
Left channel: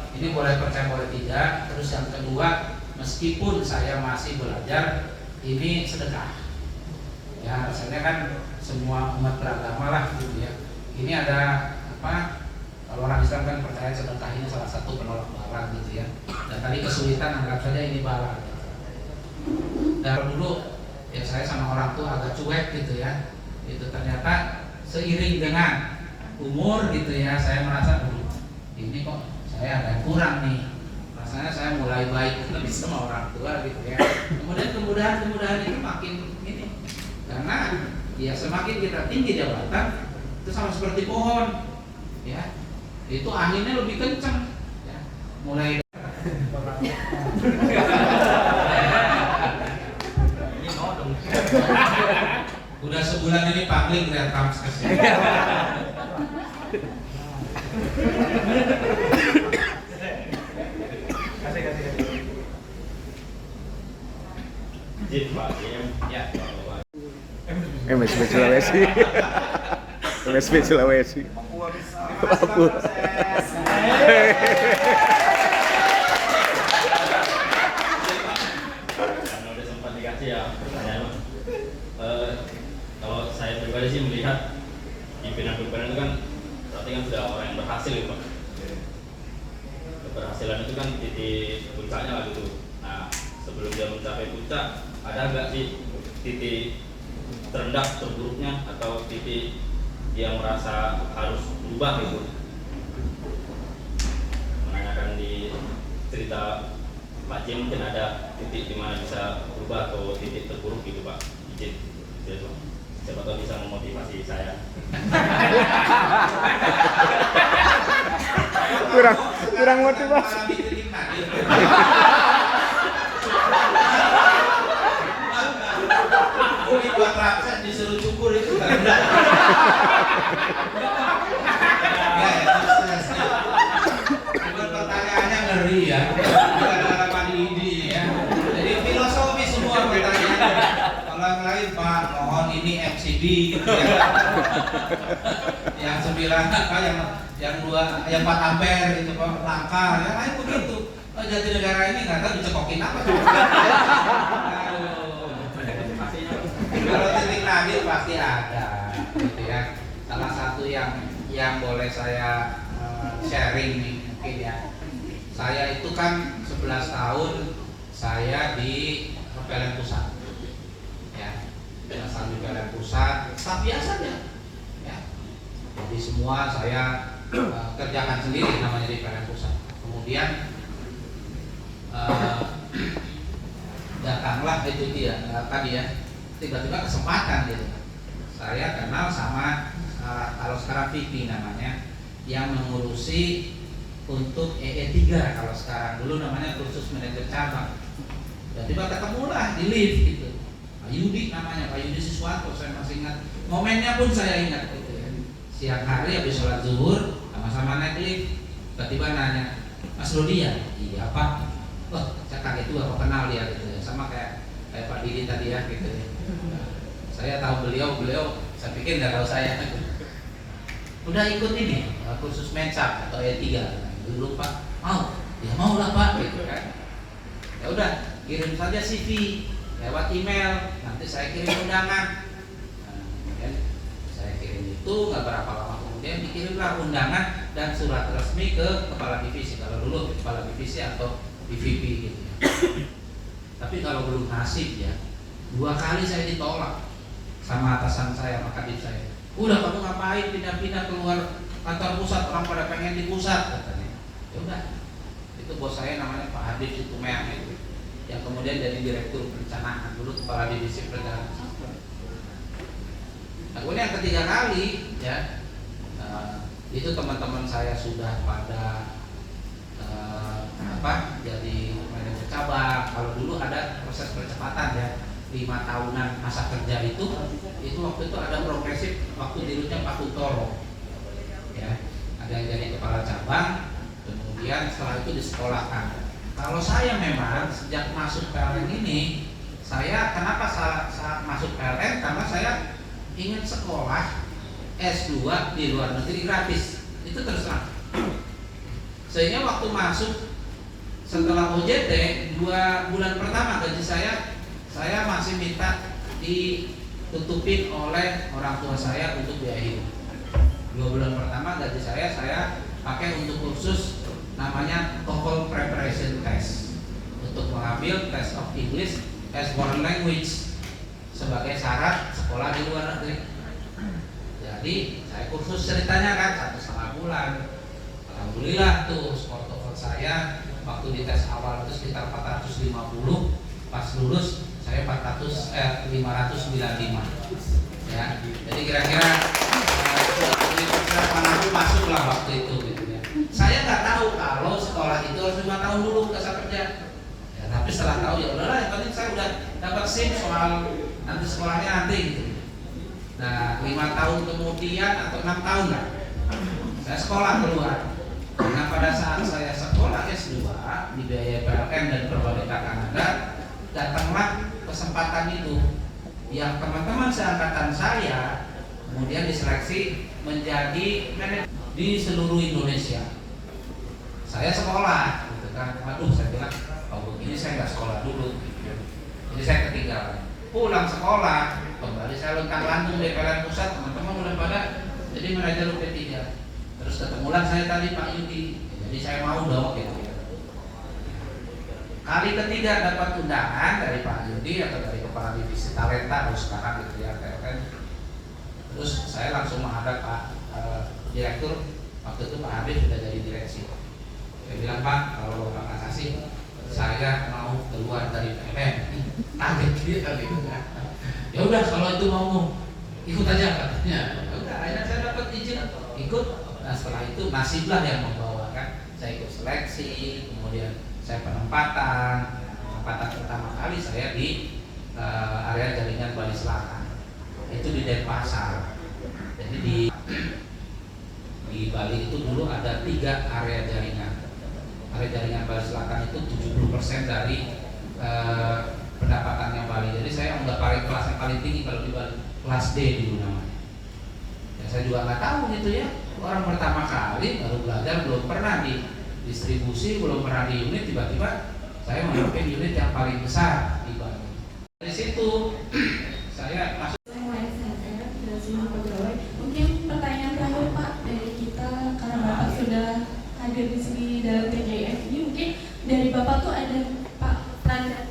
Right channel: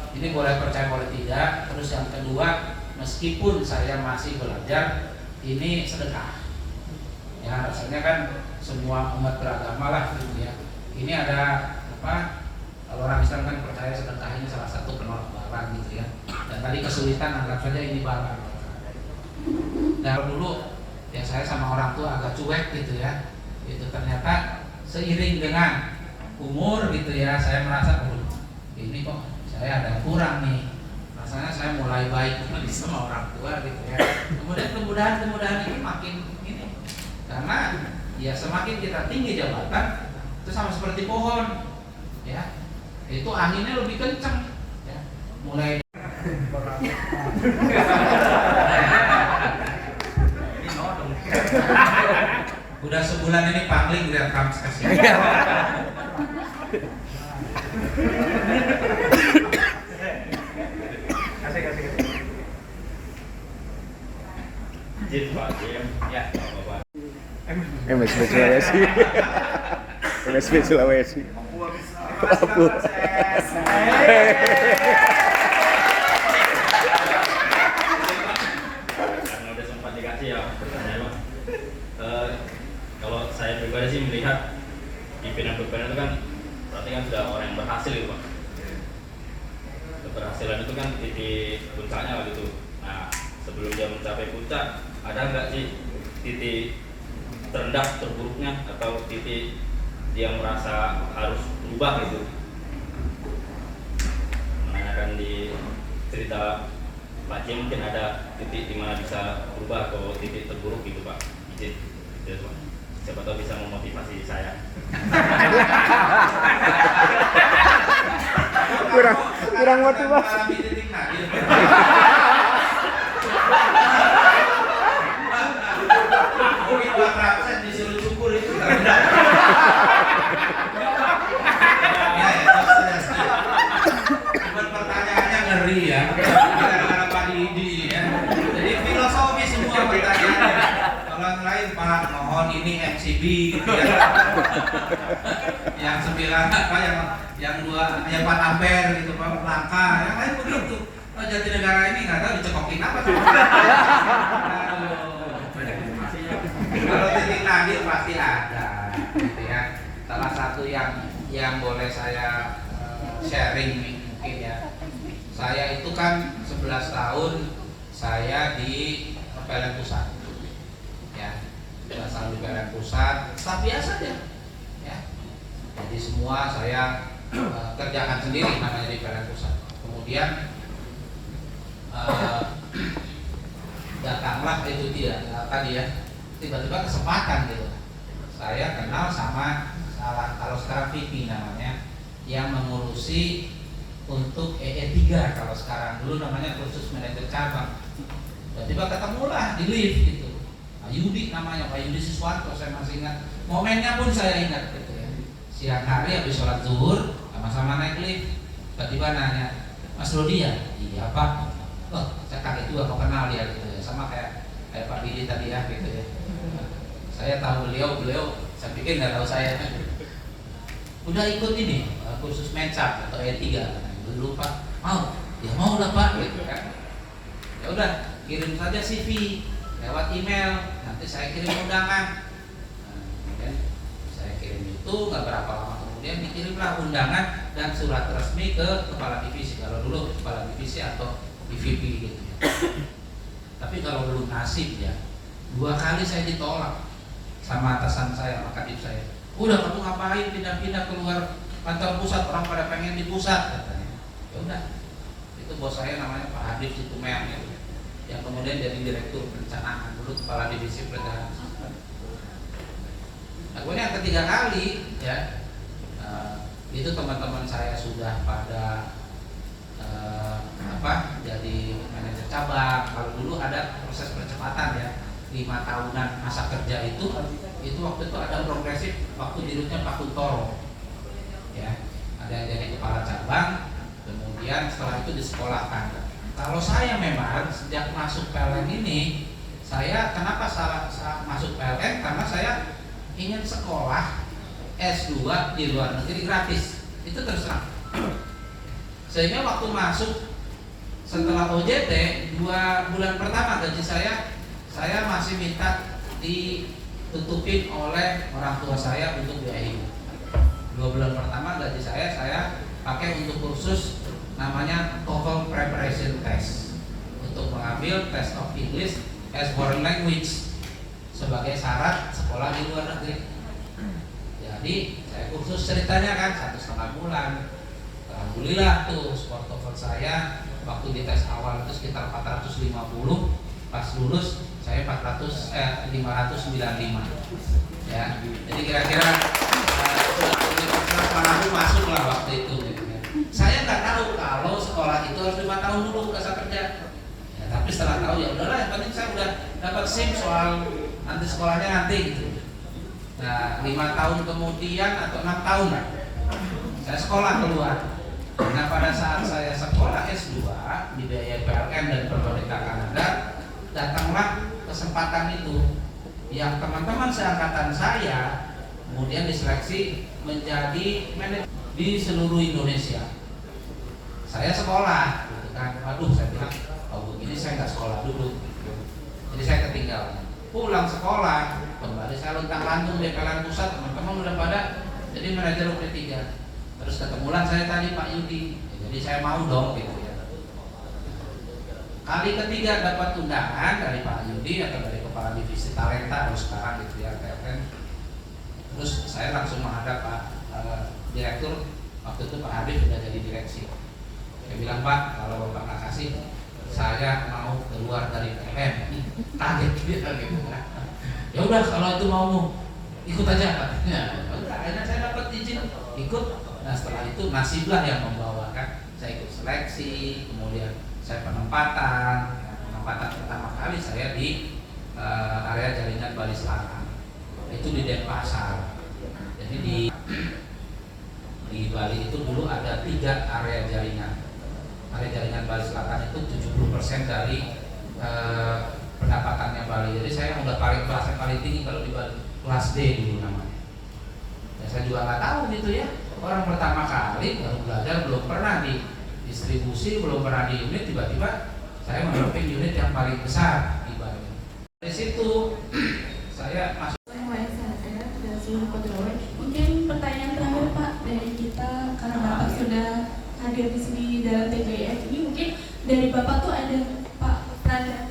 Ini boleh percaya boleh tidak. Terus yang kedua, meskipun saya masih belajar, ini sedekah. Ya rasanya kan semua umat beragama lah gitu ya. Ini ada kalau orang Islam kan percaya sedekah ini salah satu penolak bala gitu ya. Dan tadi kesulitan anggap saja ini bala. Dan dulu yang saya sama orang tua agak cuek gitu ya. Itu ternyata seiring dengan umur gitu ya, saya merasa ini kok saya ada yang kurang nih. Rasanya saya mulai baik lebih sama orang tua gitu ya. Kemudian kemudahan itu makin ini. Karena ya semakin kita tinggi jabatan itu sama seperti pohon ya. Itu anginnya lebih kencang ya. Mulai udah sebulan ini pangling dari Kamses ya. Izin Pak Jim ya. MSB Sulawesi. MSB Sulawesi. Papua. Karena udah sempat dikasih ya pertanyaan. Kalau saya pribadi sih melihat pimpinan-pimpinan itu kan berarti kan sudah orang yang berhasil ya Pak. Keberhasilan itu kan titik puncaknya lah gitu. Nah sebelum dia mencapai puncak, ada nggak sih titik terendah terburuknya atau titik dia merasa harus berubah gitu? Menanyakan di cerita Pak Jim mungkin ada titik di mana bisa berubah atau titik terburuk gitu Pak. Izin gitu Pak. Siapa tahu bisa memotivasi saya. kurang motivasi. Mungkin buat Raksan disuruh cukur itu kan. Bukan pertanyaannya ngeri ya. Bukan apa ini ya. Jadi filosofi semua pertanyaannya. Kalau yang lain Pak, mohon ini MCB gitu ya. Yang 9 yang 4 ampere gitu Pak, langka. Yang lain begitu. Jatinegara ini nggak tahu dicekokin apa. Kalau titik nadir pasti ada, gitu ya. Salah satu yang boleh saya sharing nih mungkin ya. Saya itu kan 11 tahun saya di PLN Pusat, ya. Berasal di PLN Pusat, staff biasa aja, ya. Jadi semua saya kerjakan sendiri namanya di PLN Pusat. Kemudian datanglah itu dia tadi ya. Tiba-tiba kesempatan gitu. Saya kenal sama kalau sekarang Vicky namanya yang mengurusi untuk EE3 kalau sekarang, dulu namanya kursus manajer cabang. Tiba-tiba ketemulah di lift gitu. Pak Yudi namanya, Pak Yudi Siswanto, saya masih ingat. Momennya pun saya ingat gitu ya. Siang hari habis sholat zuhur, sama-sama naik lift. Tiba-tiba nanya, Mas Rudi ya? Iya Pak. Oh, saya kaget juga kok kenal dia gitu ya. Sama kayak Pak Didi tadi ya gitu ya. Saya tahu beliau saya pikir nggak tahu saya. Udah ikut ini kursus mensap atau E3. Nah, dulu Pak mau, ya mau lah Pak gitu kan. Ya udah, kirim saja CV lewat email, nanti saya kirim undangan. Nah, kemudian saya kirim itu, nggak berapa lama kemudian dikirimlah undangan dan surat resmi ke kepala divisi. Kalau dulu kepala divisi atau DVP gitu ya. Tapi kalau belum nasib ya, 2 kali saya ditolak sama atasan saya, sama kadif saya. Udah kamu ngapain pindah-pindah keluar kantor pusat, orang pada pengen di pusat katanya. Ya udah, itu bos saya namanya Pak Hadif Situmeang gitu, yang kemudian jadi direktur perencanaan, dulu kepala divisi perencanaan. Nah, kemudian yang ketiga kali ya, itu teman-teman saya sudah pada jadi manajer cabang. Kalau dulu ada proses percepatan ya, 5 tahunan masa kerja itu waktu itu ada progresif, waktu dirutnya Pak Kuntoro ya, ada yang jadi kepala cabang, kemudian setelah itu disekolahkan. Kalau saya memang sejak masuk PLN ini, saya kenapa salah masuk PLN, karena saya ingin sekolah S2 di luar negeri gratis, itu terus terang. Sehingga waktu masuk setelah OJT 2 bulan pertama gaji saya masih minta ditutupin oleh orang tua saya untuk biaya hidup. 2 bulan pertama gaji saya pakai untuk kursus namanya TOEFL Preparation Test, untuk mengambil Test of English as Foreign Language sebagai syarat sekolah di luar negeri. Jadi saya kursus ceritanya kan 1,5 bulan. Alhamdulillah tuh skor TOEFL saya waktu di tes awal itu sekitar 450, pas lulus saya 595 ya. Jadi kira-kira masuk lah waktu itu gitu ya. Saya nggak tahu kalau sekolah itu harus 5 tahun dulu kesan kerja ya, tapi setelah tahu ya udahlah, yang penting saya udah dapat SIM soal nanti sekolahnya nanti gitu. Nah 5 tahun kemudian atau 6 tahun lah saya sekolah keluar. Nah pada saat saya sekolah S2 dibiayai PLN dan Pemerintah Kanada, datanglah kesempatan itu yang teman-teman seangkatan saya kemudian diseleksi menjadi manajer di seluruh Indonesia. Saya sekolah gitu kan, waduh saya bilang kalau begini saya nggak sekolah dulu gitu. Jadi saya ketinggalan, pulang sekolah kembali saya lontang-lantung di PLN pusat, teman-teman udah pada jadi manajer UP3. Terus ketemulah saya tadi Pak Yudi, jadi saya mau dong gitu ya. Kali ketiga dapat undangan dari Pak Yudi atau dari kepala divisi talenta harus sekarang gitu ya PLN. Terus saya langsung menghadap Pak direktur, waktu itu Pak Habib sudah jadi direksi. Saya bilang Pak, kalau Bapak nggak kasih, saya mau keluar dari PLN. Kaget gitu kan. Ya udah kalau itu mau ikut aja katanya. Ya udah, akhirnya saya dapat izin ikut. Nah setelah itu nasiblah yang membawa kan. Saya ikut seleksi, kemudian saya penempatan pertama kali saya di area jaringan Bali Selatan. Itu di Denpasar. Jadi di Bali itu dulu ada 3 area jaringan. Area jaringan Bali Selatan itu 70% dari pendapatannya Bali. Jadi saya udah kelas yang paling tinggi kalau di Bali, kelas D dulu namanya. Ya, saya juga nggak tahu gitu ya. Orang pertama kali baru belajar, belum pernah di distribusi, belum pernah di unit, tiba-tiba saya memimpin unit yang paling besar di Bali. Dari situ saya masuk. Mungkin pertanyaan terakhir Pak dari kita, karena Bapak sudah hadir di sini dalam PJF ini, mungkin dari Bapak tuh ada Pak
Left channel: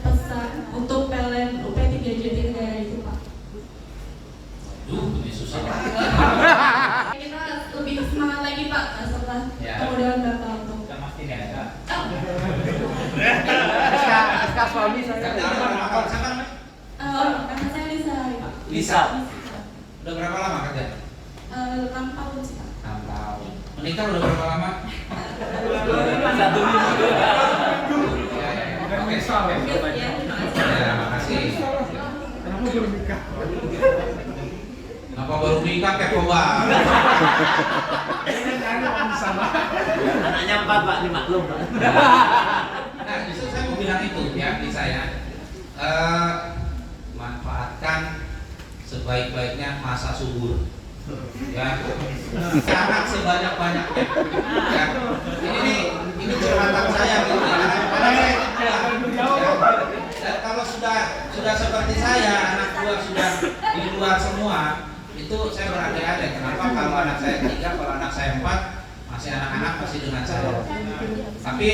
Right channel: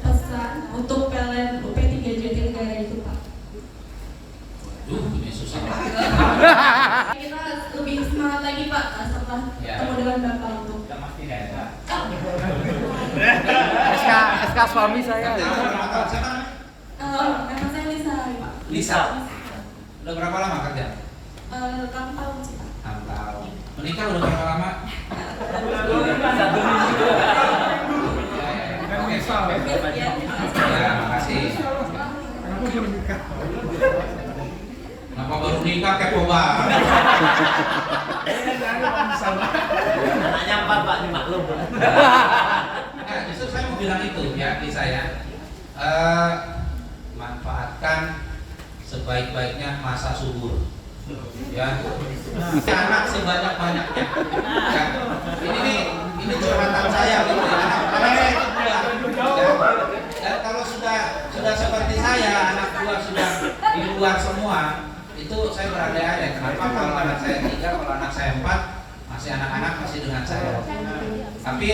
pesan untuk PLN UP3 Jatinegara itu Pak. Lebih susah. Kita lebih semangat lagi Pak setelah kemudahan Bapak untuk. SK suami saya. Nama saya Lisa. Lisa. Udah berapa lama kerja? 6 tahun sih Pak. 6 tahun. Menikah udah berapa lama? Ya, makasih. Kenapa baru nikah kepo banget? Anaknya 4 Pak, dimaklum Pak. Nah, justru saya mau bilang itu ya di saya. Manfaatkan sebaik-baiknya masa subur. Ya, anak sebanyak-banyaknya. Ya. Ini curhatan saya gitu ya. Anak saya ya. Dan kalau sudah seperti saya, anak dua sudah di luar semua, itu saya berandai-andai. Kenapa kalau anak saya 3, kalau anak saya 4, masih anak-anak masih dengan saya. Tapi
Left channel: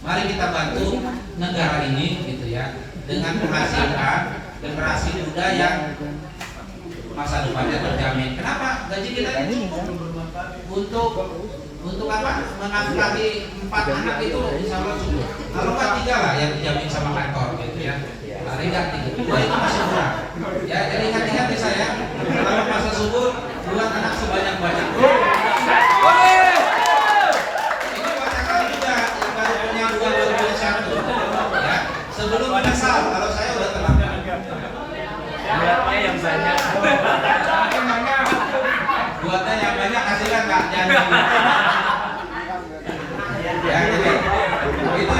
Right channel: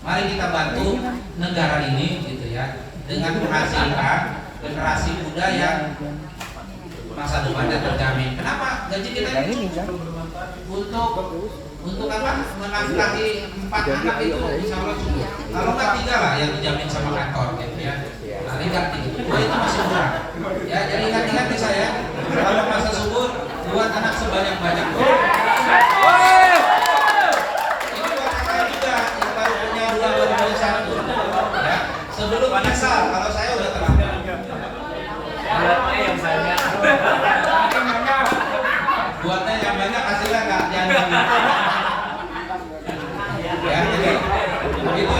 mari kita bantu negara ini gitu ya, dengan menghasilkan generasi muda yang masa depannya terjamin. Kenapa? Gaji kita ini cukup untuk apa? Menafkahi 4 anak itu insya Allah cukup. Kalau nggak 3 lah yang dijamin sama kantor gitu ya. Paling nggak 3, 2 itu masih kurang. Ya jadi ingat-ingat nih saya, kalau masa subur buat anak sebanyak-banyaknya. Ini buat kakak juga yang baru punya 2 baru punya 1. Ya sebelum menyesal kalau saya udah terlambat. Buatnya yang banyak. Buatnya yang banyak hasilnya nggak jadi. Ya, jadi itu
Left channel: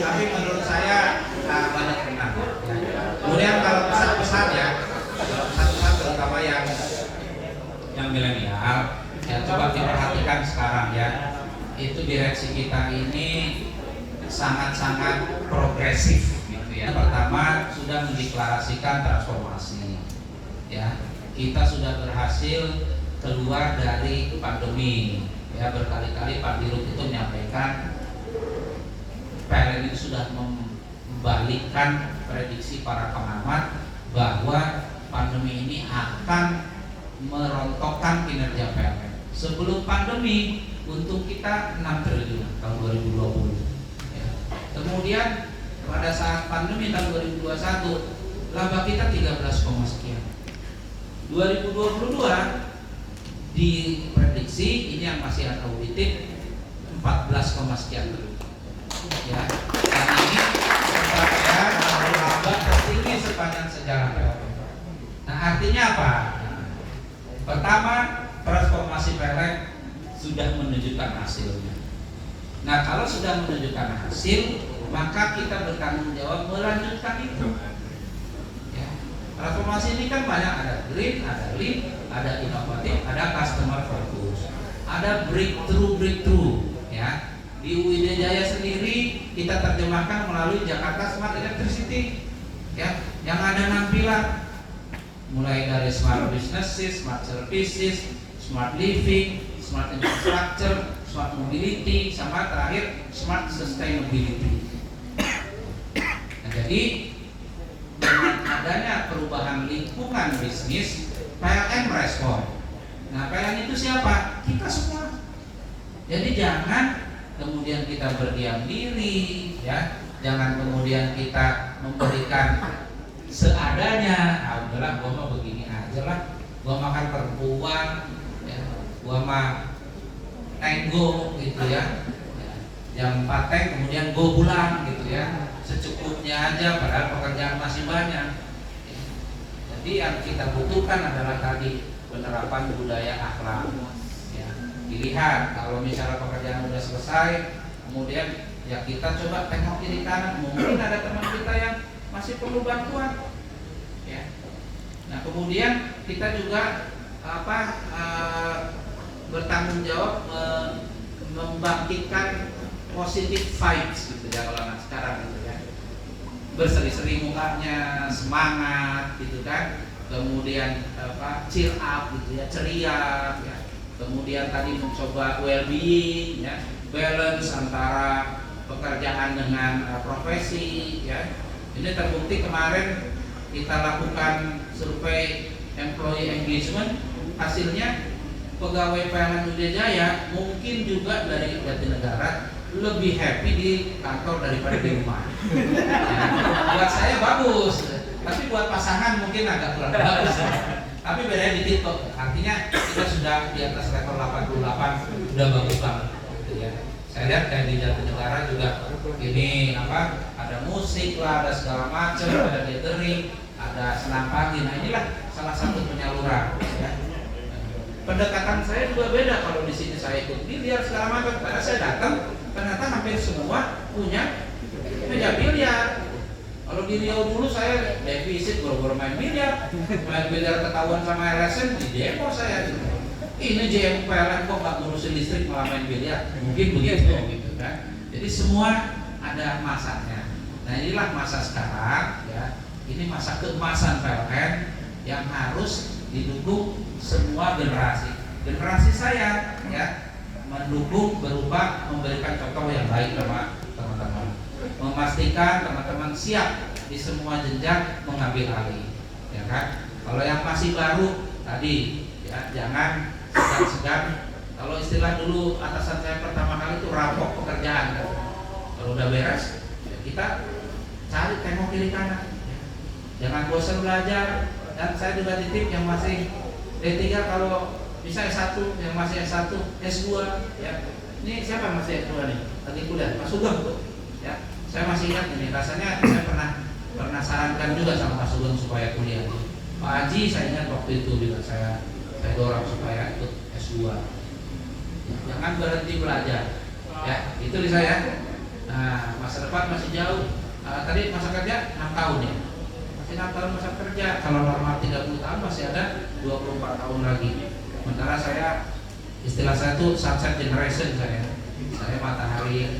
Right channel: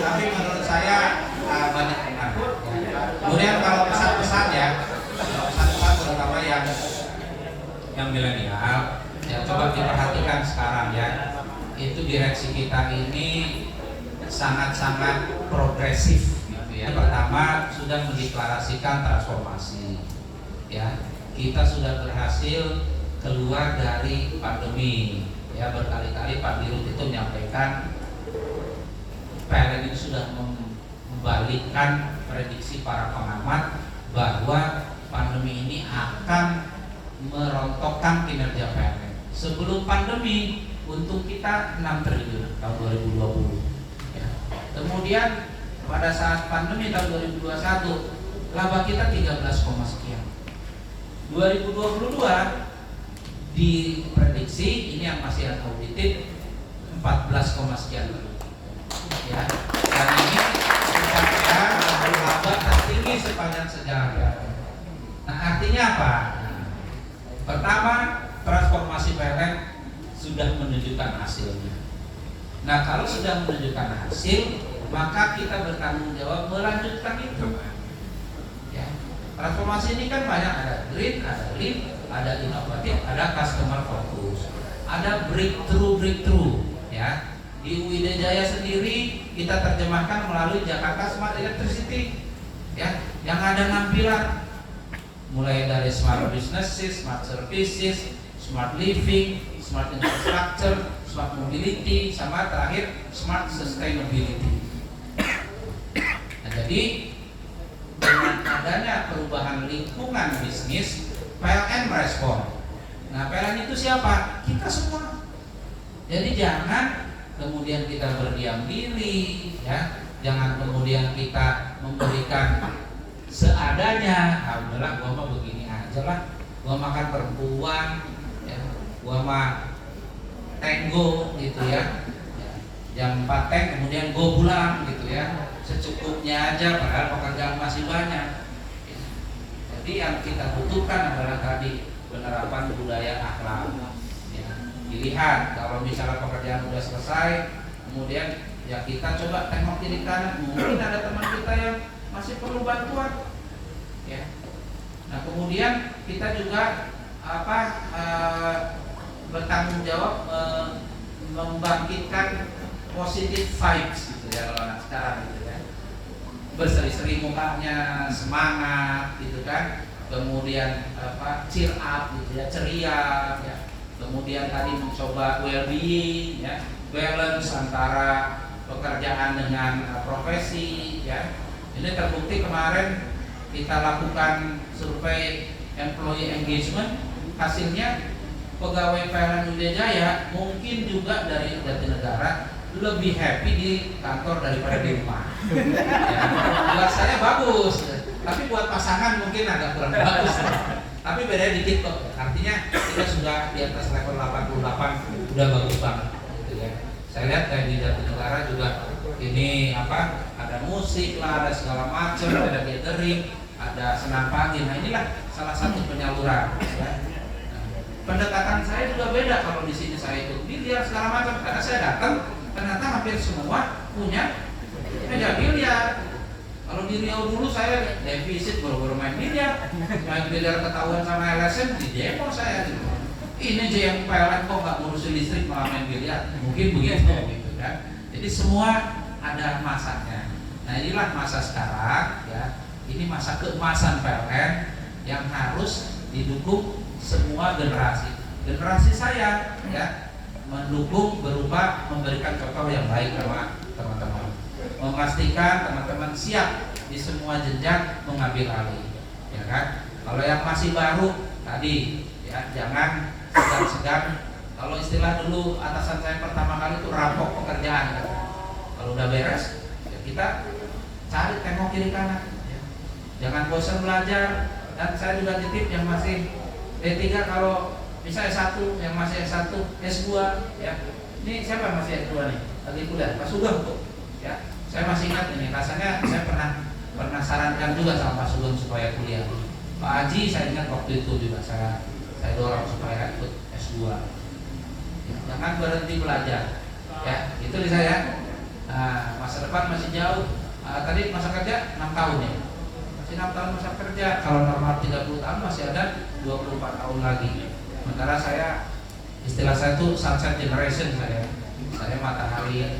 tapi menurut saya banyak benar. Ya. Kemudian kalau pesan-pesan ya, pesan-pesan terutama yang milenial, ya coba diperhatikan sekarang ya. Itu direksi kita ini sangat-sangat progresif. Ya, pertama sudah mendeklarasikan transformasi. Ya, kita sudah berhasil keluar dari pandemi. Ya, berkali-kali Pak Dirut itu menyampaikan PLN itu sudah membalikkan prediksi para pengamat bahwa pandemi ini akan merontokkan kinerja PLN. Sebelum pandemi untuk kita 6 triliun tahun 2020. Ya. Kemudian pada saat pandemi tahun 2021 laba kita 13, sekian. 2022 diprediksi ini yang masih audited 14, sekian triliun. Ya, dan ini merupakan laba tertinggi sepanjang sejarah PLN. Nah, artinya apa? Pertama, transformasi PLN sudah menunjukkan hasilnya. Nah, kalau sudah menunjukkan hasil, maka kita bertanggung jawab melanjutkan itu. Ya. Transformasi ini kan banyak, ada green, ada lean, ada inovatif, ada customer focus, ada breakthrough. Ya. Di UID Jaya sendiri kita terjemahkan melalui Jakarta Smart Electricity. Ya, yang ada 6 pilar, mulai dari smart businesses, smart services, smart living, smart infrastructure, smart mobility, sama terakhir smart sustainability. Nah, jadi dengan adanya perubahan lingkungan bisnis, PLN merespon. Nah, PLN itu siapa? Kita semua. Jadi jangan kemudian kita berdiam diri, ya. Jangan kemudian kita memberikan seadanya. Alhamdulillah, gua mah begini aja lah. Gua makan perempuan, ya. Gua mah tenggo gitu ya. Jam 4 teng kemudian gua pulang gitu ya. Secukupnya aja, padahal pekerjaan masih banyak. Jadi yang kita butuhkan adalah tadi penerapan budaya akhlak. Ya. Dilihat kalau misalnya pekerjaan udah selesai, kemudian ya kita coba tengok kiri kanan, mungkin ada teman kita yang masih perlu bantuan. Ya. Nah, kemudian kita juga bertanggung jawab membangkitkan positive vibes gitu ya kalau anak sekarang gitu ya. Berseri-seri mukanya, semangat gitu kan. Kemudian cheer up gitu ya, ceria ya. Kemudian tadi mencoba well-being ya, balance antara pekerjaan dengan profesi ya. Ini terbukti kemarin kita lakukan survei employee engagement, hasilnya pegawai PLN UID Jaya mungkin juga dari Jatinegara lebih happy di kantor daripada di rumah. Ya, buat saya bagus, tapi buat pasangan mungkin agak kurang bagus. Tapi bedanya dikit kok. Artinya kita sudah sudah di atas level 88 udah bagus banget gitu ya. Saya lihat kayak di Jatinegara juga ini ada musik lah, ada segala macam, ada gathering, ada senam pagi. Nah inilah salah satu penyaluran ya. Pendekatan saya juga beda kalau di sini saya ikut biliar segala macam. Karena saya datang ternyata hampir semua punya meja biliar. Kalau di Riau dulu saya defisit baru main biliar ketahuan sama LSM di demo saya gitu. Ini JM PLN kok nggak ngurusin listrik malah main biliar, mungkin begitu gitu kan. Jadi semua ada masanya. Nah inilah masa sekarang ya. Ini masa keemasan PLN yang harus didukung semua generasi. Generasi saya ya mendukung berupa memberikan contoh yang baik sama teman-teman, memastikan teman-teman siap di semua jenjang mengambil alih, ya kan? Kalau yang masih baru tadi ya jangan segan-segan. Kalau istilah dulu atasan saya pertama kali itu rampok pekerjaan kan? Kalau udah beres ya kita cari tengok kiri kanan ya. Jangan bosan belajar. Dan saya juga titip yang masih D3 kalau bisa S1, yang masih S1, S2 ya. Ini siapa yang masih S2 nih? Lagi kuliah, Pak Sugeng tuh ya. Saya masih ingat ini, rasanya saya pernah sarankan juga sama Pak Sugeng supaya kuliah. Pak Haji saya ingat waktu itu juga saya dorong supaya ikut S2. Jangan berhenti belajar ya, itu di saya. Nah, masa depan masih jauh. Tadi masa kerja 6 tahun ya. 6 tahun masa kerja, kalau normal 30 tahun masih ada 24 tahun lagi. Sementara saya, istilah saya itu sunset generation saya matahari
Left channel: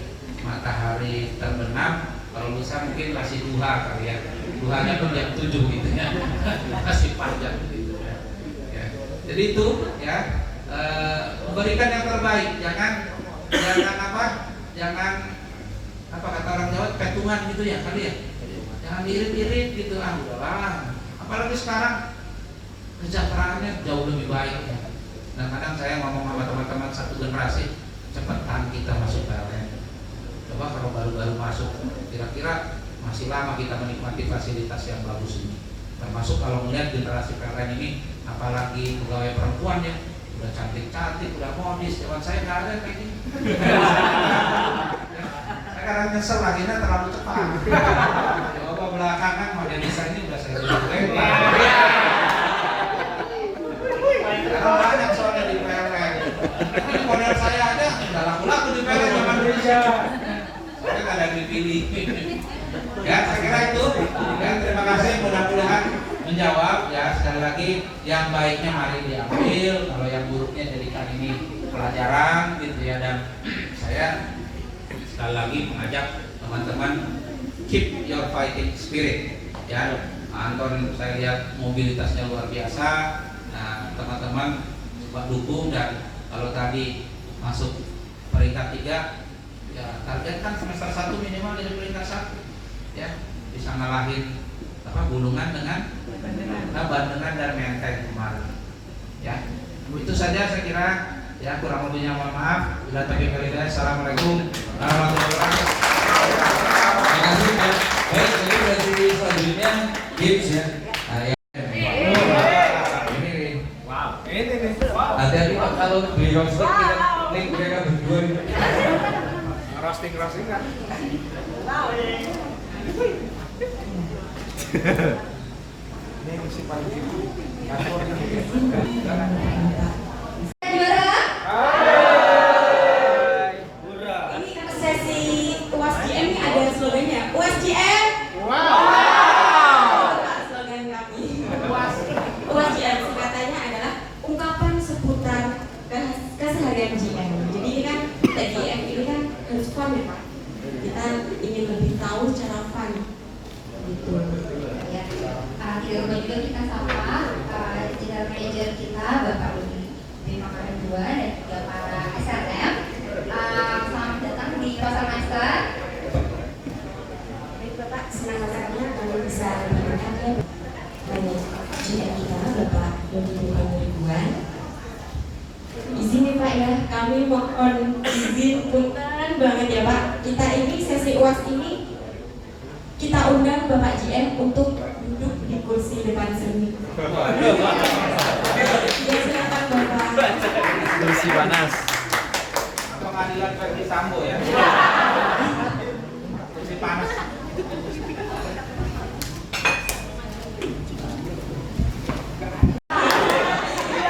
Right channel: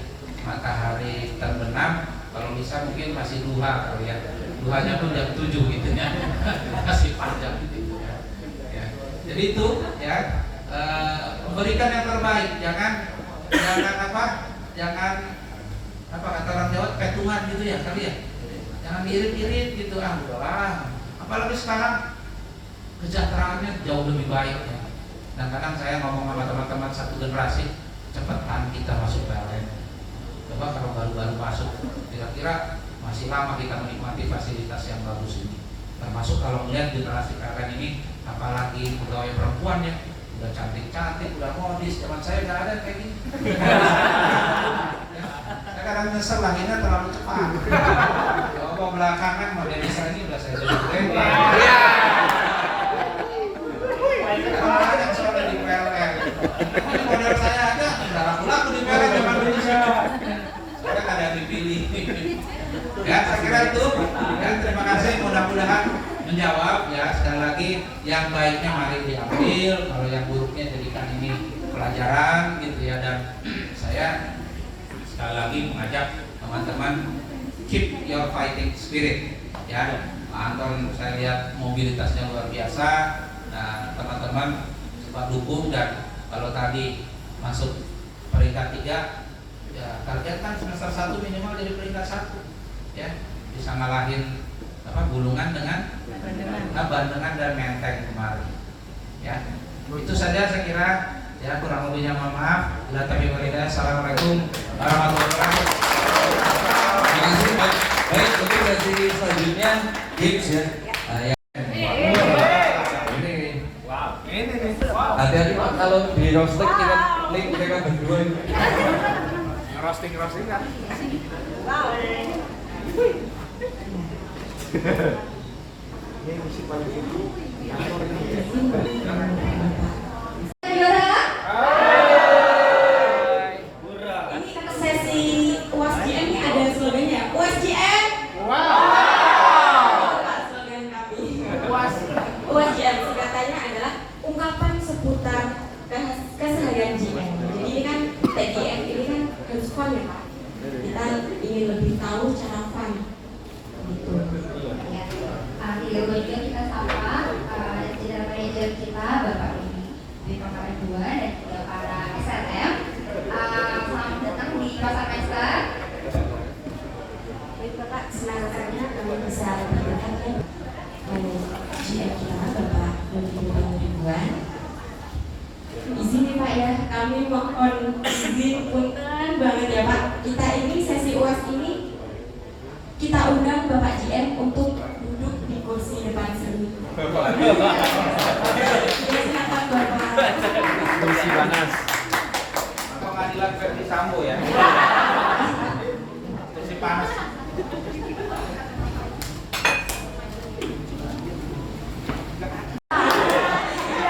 terbenam, kalau bisa mungkin masih duha kali ya. Duhanya pun jam 7 gitu ya. Masih panjang gitu ya. Jadi itu ya, memberikan yang terbaik, jangan kata orang Jawa petungan gitu ya kali ya. Jangan irit-irit gitu, udahlah. Apalagi sekarang kesejahteraannya jauh lebih baik ya. Nah kadang saya ngomong sama teman-teman satu generasi, cepetan kita masuk PLN. Coba kalau baru-baru masuk, kira-kira masih lama kita menikmati fasilitas yang bagus ini. Termasuk kalau melihat generasi PLN ini, apalagi pegawai perempuan ya, udah cantik-cantik, udah modis. Zaman saya nggak ada kayak gini. Saya kadang nyesel lahirnya terlalu cepat. Coba belakangan model desain ini udah saya lebar. Karena banyak soalnya di PLN. Ini model saya ada, udah laku-laku di PLN zaman Indonesia. Saya nggak ada yang dipilih. Ya, saya kira itu. Ya, terima kasih. Mudah-mudahan menjawab ya. Sekali lagi, yang baiknya mari diambil, kalau yang buruknya jadikan ini pelajaran gitu ya. Dan saya sekali lagi mengajak teman-teman keep your fighting spirit ya. Anton saya lihat mobilitasnya luar biasa. Nah, teman-teman coba dukung, dan kalau tadi masuk peringkat 3 ya targetkan semester 1 minimal jadi peringkat 1 ya, bisa ngalahin Bulungan dengan Bandengan dan Menteng kemarin ya. Itu saja saya kira ya, kurang lebihnya mohon maaf. Bila taufiq wal hidayah. Assalamualaikum warahmatullahi wabarakatuh. Terima kasih Pak. Baik, ini dari selanjutnya Gibbs ya. Nah, ya. Ini nih. Hati-hati Pak kalau beli roasting kita link mereka berdua. Roasting kan. Ini musik paling Ini sesi UASJM ini ada slogannya. UASJM. Slogan kami. UASJM singkatannya adalah ungkapan seputar keseharian GM. Jadi ini kan TGM ini kan harus fun ya Pak. Kita ingin lebih tahu cara fun. Gitu. Ya, juga kita sapa general manager kita Bapak Bima Kedua dan juga para SNM. Selamat datang di Pasar Master. Baik Bapak, senang sekali kami bisa berbincang dengan GM kita Bapak Bima Ribuan. Izin nih Pak ya, kami mohon izin punten banget ya Pak. Kita ini sesi UAS ini kita undang Bapak GM untuk duduk di kursi depan sini. Ya silakan Bapak. Sambo ya. Masih panas.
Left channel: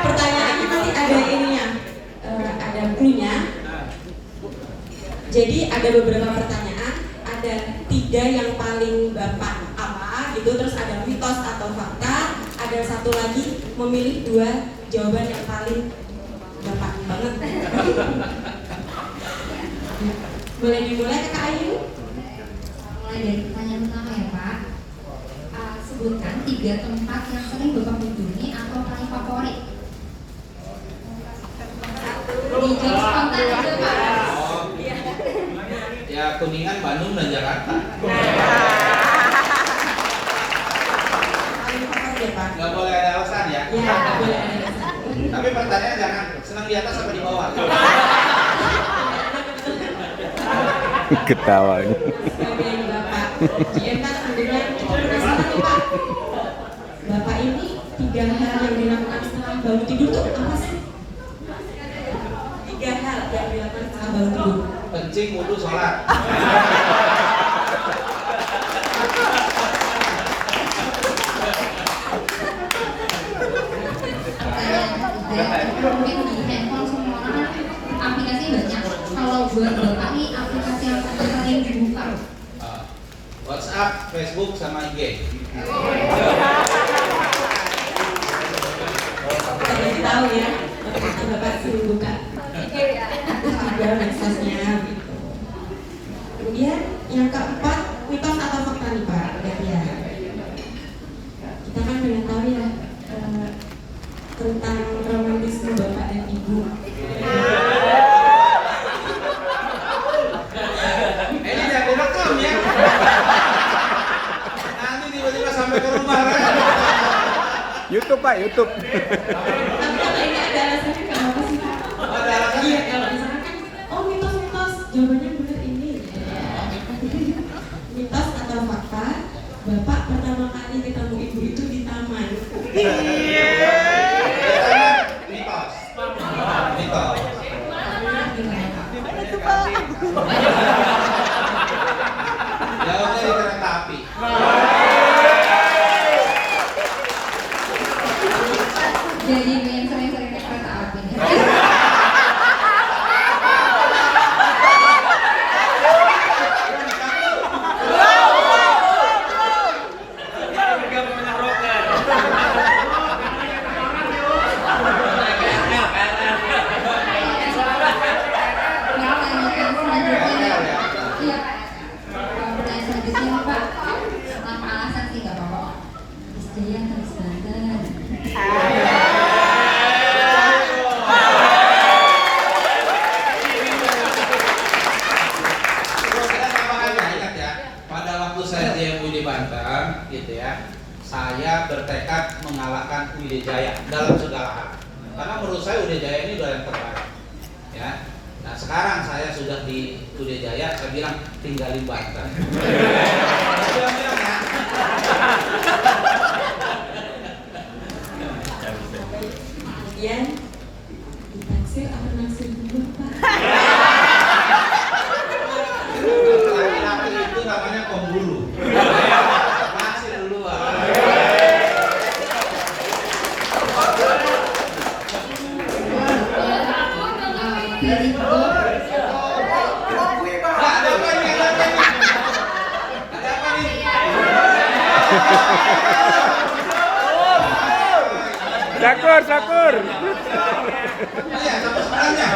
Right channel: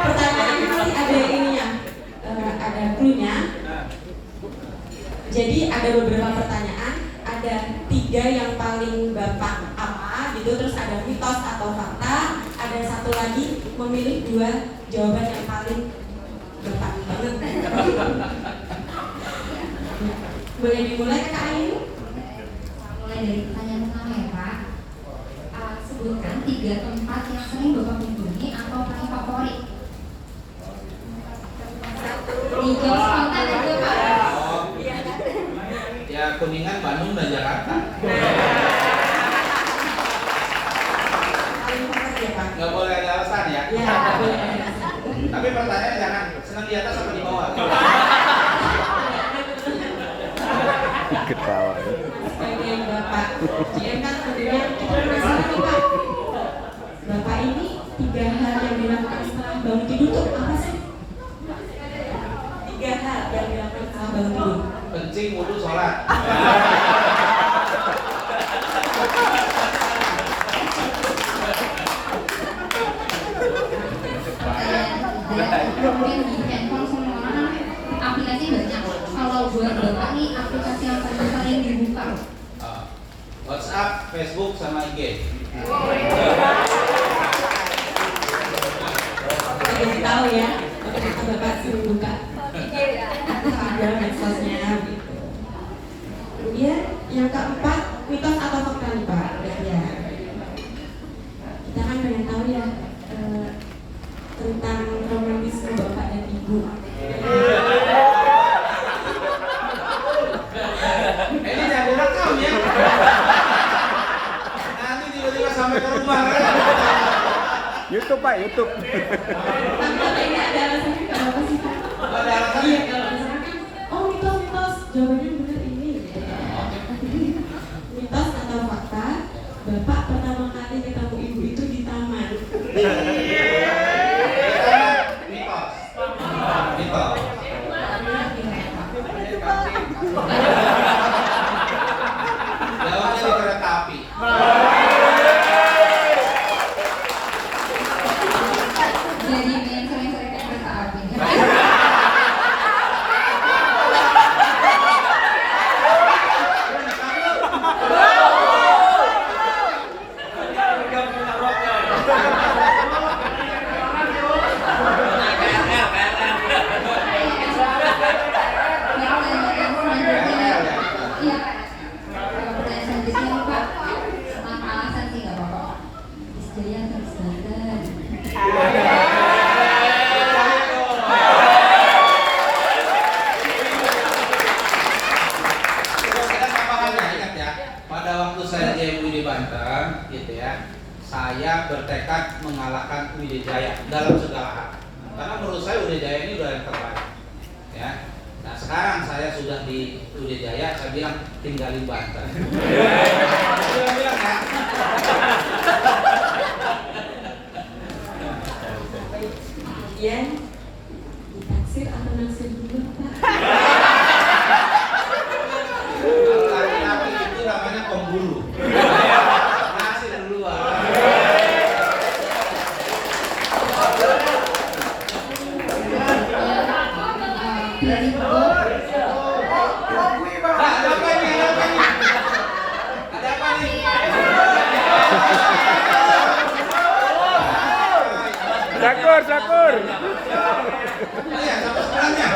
Pertanyaan ini ada ininya, ada clue-nya. Jadi ada beberapa pertanyaan, ada 3 yang paling Bapak apa gitu, terus ada mitos atau fakta, ada satu lagi memilih 2 jawaban yang paling Bapak banget. Boleh dimulai Kak Ayu? Mulai dari pertanyaan pertama ya Pak. Sebutkan 3 tempat yang sering Bapak kunjungi atau paling favorit. Dijawab spontan aja Pak. Ya Kuningan, Bandung, dan Jakarta. Paling favorit ya Pak? Nggak boleh ada alasan ya. Ya, nggak boleh ada alasan. Tapi pertanyaan jangan senang di atas apa di bawah. Ketawa ini. Sebagai Bapak GM kan kemudian kita penasaran nih Pak, Bapak ini 3 hal yang dilakukan setelah bangun tidur tuh apa sih? 3 hal yang dilakukan setelah bangun tidur. Kencing, wudhu, sholat. Mungkin di handphone semua orang aplikasi banyak. Kalau buat Bapak nih aplikasi apa yang paling dibuka? WhatsApp, Facebook, sama IG. Jadi tahu ya, ternyata Bapak sering buka Instagram, medsosnya. Kemudian yang keempat, mitos atau fakta nih Pak? Ya. Kita kan pengen tahu ya tentang romantisme Bapak dan Ibu. Ini jangan direkam ya. Nanti tiba-tiba sampai ke rumah kan. YouTube Pak, YouTube. Tapi kalau ini ada alasannya kenapa sih Pak? Oh, ada alasannya? Iya, kalau misalkan kan, oh mitos, jawabannya benar ini. Mitos atau fakta, Bapak pertama kali ketemu Ibu itu di taman. Mitos. Mitos. Jawabnya di kereta api. Jadi yang sering-sering naik kereta api nih. Iya. Pertanyaan selanjutnya Pak, tanpa alasan sih nggak apa-apa. Istri yang harus Banten. Ingat ya, pada waktu saya JMU di Banten, gitu ya, saya bertekad mengalahkan Widya dalam segala hal. Karena menurut saya Widya ini udah yang terbaik, ya. Nah sekarang saya sudah di Widya, saya bilang tinggalin Banten. Dia bilang ya. Kemudian ditaksir atau naksir dulu Pak? Laki-laki itu namanya pembulu. Ngasih duluan. Pilih golf. Nah, ada apa ini? Ada apa ini? Ada apa ini? Sakur. Iya, sama sebenarnya.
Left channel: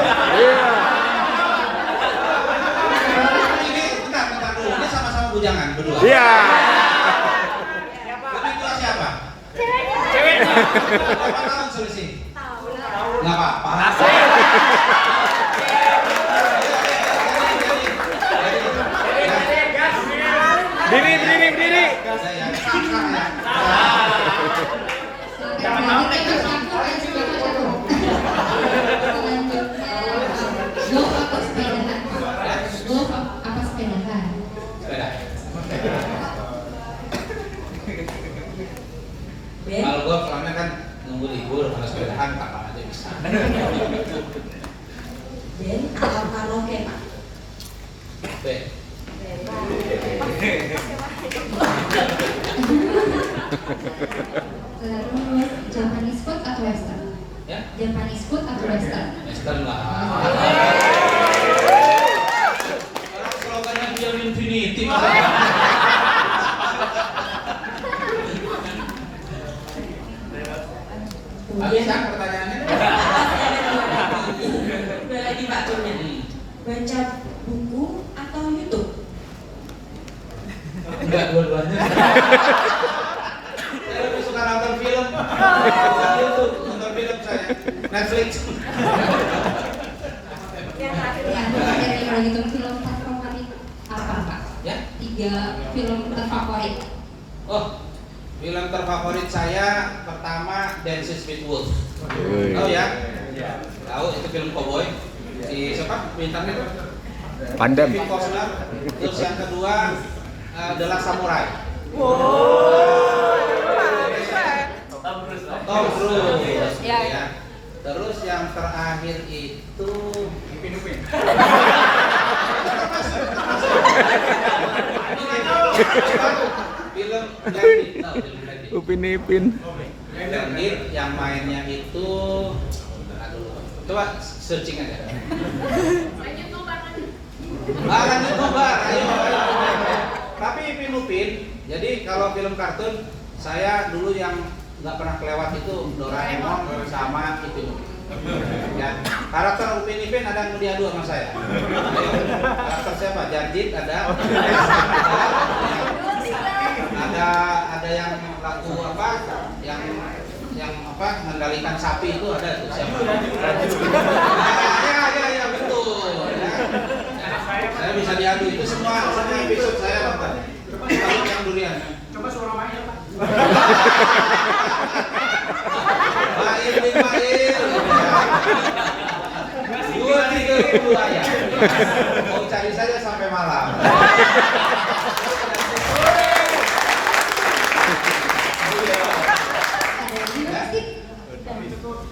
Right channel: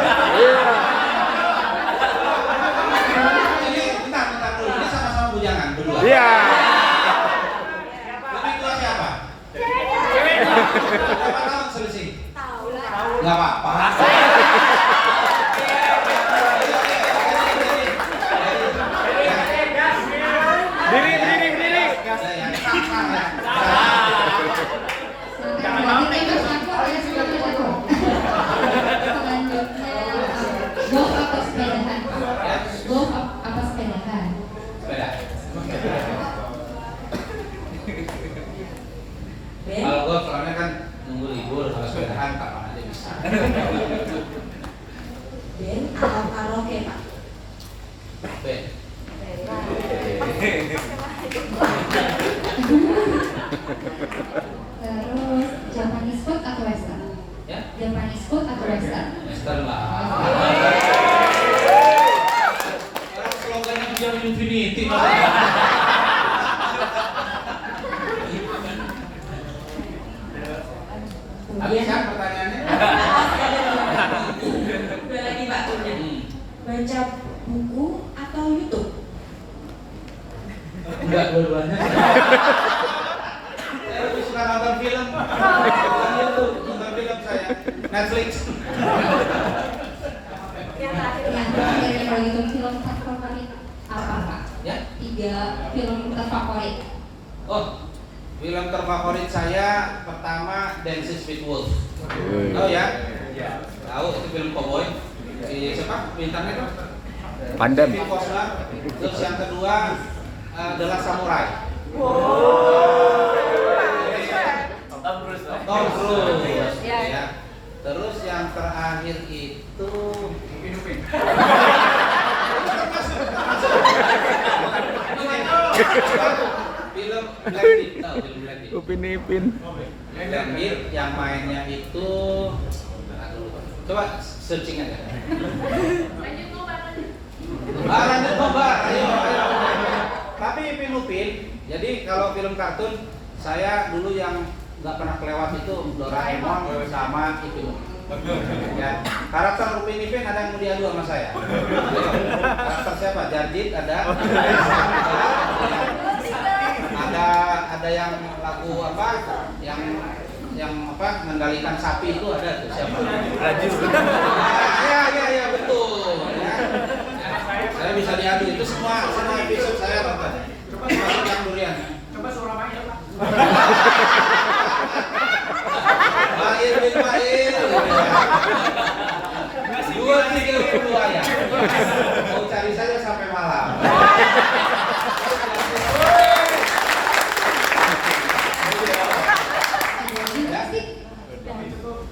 Ini bentar dulu. Ini sama-sama bujangan berdua. Iya. Lebih tua siapa? Berapa tahun selisih? Nggak apa-apa. Diri. Golf apa sepedahan? Sepeda. Ben, Kalau gue soalnya kan nunggu libur, kalau sepedahan kapan aja bisa. Ben atau karaoke Pak? Terus Japanese food atau western? Ya, Japanese food atau western? Western lah. Sekarang slogannya Beyond Infinity maksudnya. Habis kan pertanyaannya? Dua lagi Pak turnya. Baca buku atau YouTube? Enggak, dua-duanya. Saya lebih suka nonton film. Bukan YouTube, nonton film saya. Netflix. Yang terakhir kalau gitu film terfavorit apa Pak? Ya? 3 film terfavorit. Oh, film terfavorit saya pertama Dances with Wolves. Tahu ya? Tahu itu film cowboy. Si siapa bintangnya tuh? Pandem. Kevin Costner. Terus yang kedua The Last Samurai. Tom Cruise. Ya. Terus yang terakhir itu film Blended. Tahu film Blended? Upin Ipin. Blended yang mainnya itu aduh, coba searching aja. Lanjut coba, ayo. Tapi Ipin Upin, jadi kalau film kartun saya dulu yang nggak pernah kelewat itu Doraemon sama Ipin Upin. Ya, karakter Upin Ipin ada yang mau diadu sama saya. Ayo, karakter siapa? Jarjit ada yang aku apa? Yang apa? Mengendalikan sapi itu ada tuh siapa? Ya, betul. Ya. Saya bisa diadu itu semua episode saya nonton. Yang durian. Coba suara Maya Pak. Bail. 2-3 ya. Mau cari saja sampai malam.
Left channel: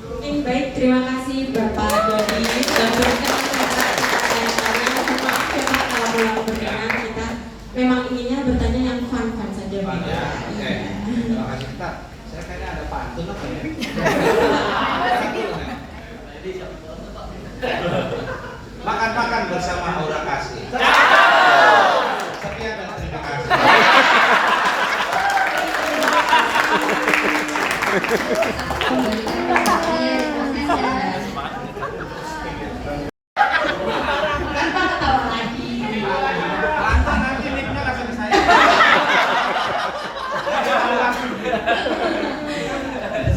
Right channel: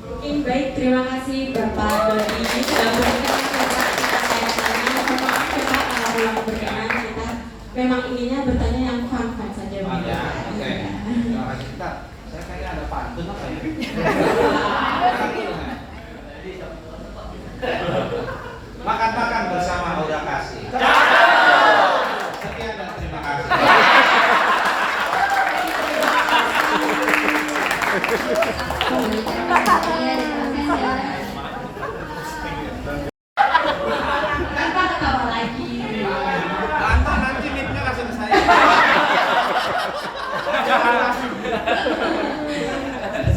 Mungkin baik, terima kasih Bapak Dodi sudah memberikan kesaksiannya. Maaf ya Pak kalau belum berkenan, kita memang inginnya bertanya yang fun saja. Ya, oke. Terima kasih. Bentar, saya kayaknya ada pantun apa ya? Makan-makan bersama Aura Kasih. Sekian dan terima kasih. Kan Pak ketawa lagi. Nanti lipnya kasih ke saya.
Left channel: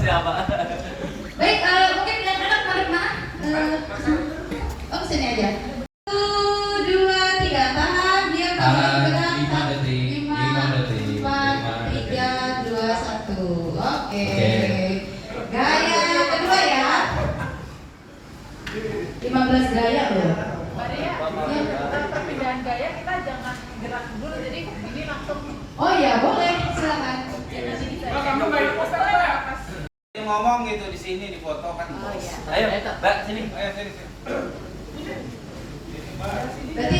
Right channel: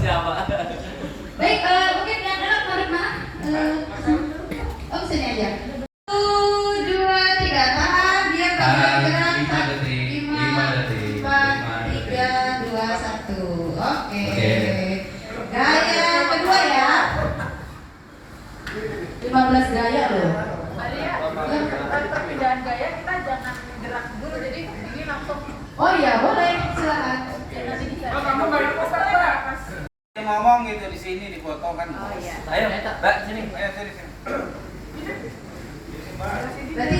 Siapa? Baik, mungkin anak-anak karena kesini aja. 1, 2, 3, tahan, diam, bergerak. 5 detik. 4, 3, 2, 1. Oke. Gaya kedua ya. 15 gaya loh. Perpindahan gaya kita jangan gerak dulu, jadi ini langsung. Oh iya, boleh, silakan. Kamu baik Dia ngomong gitu di sini di foto kan. Ayo, Mbak, sini. Ayo sini. Berarti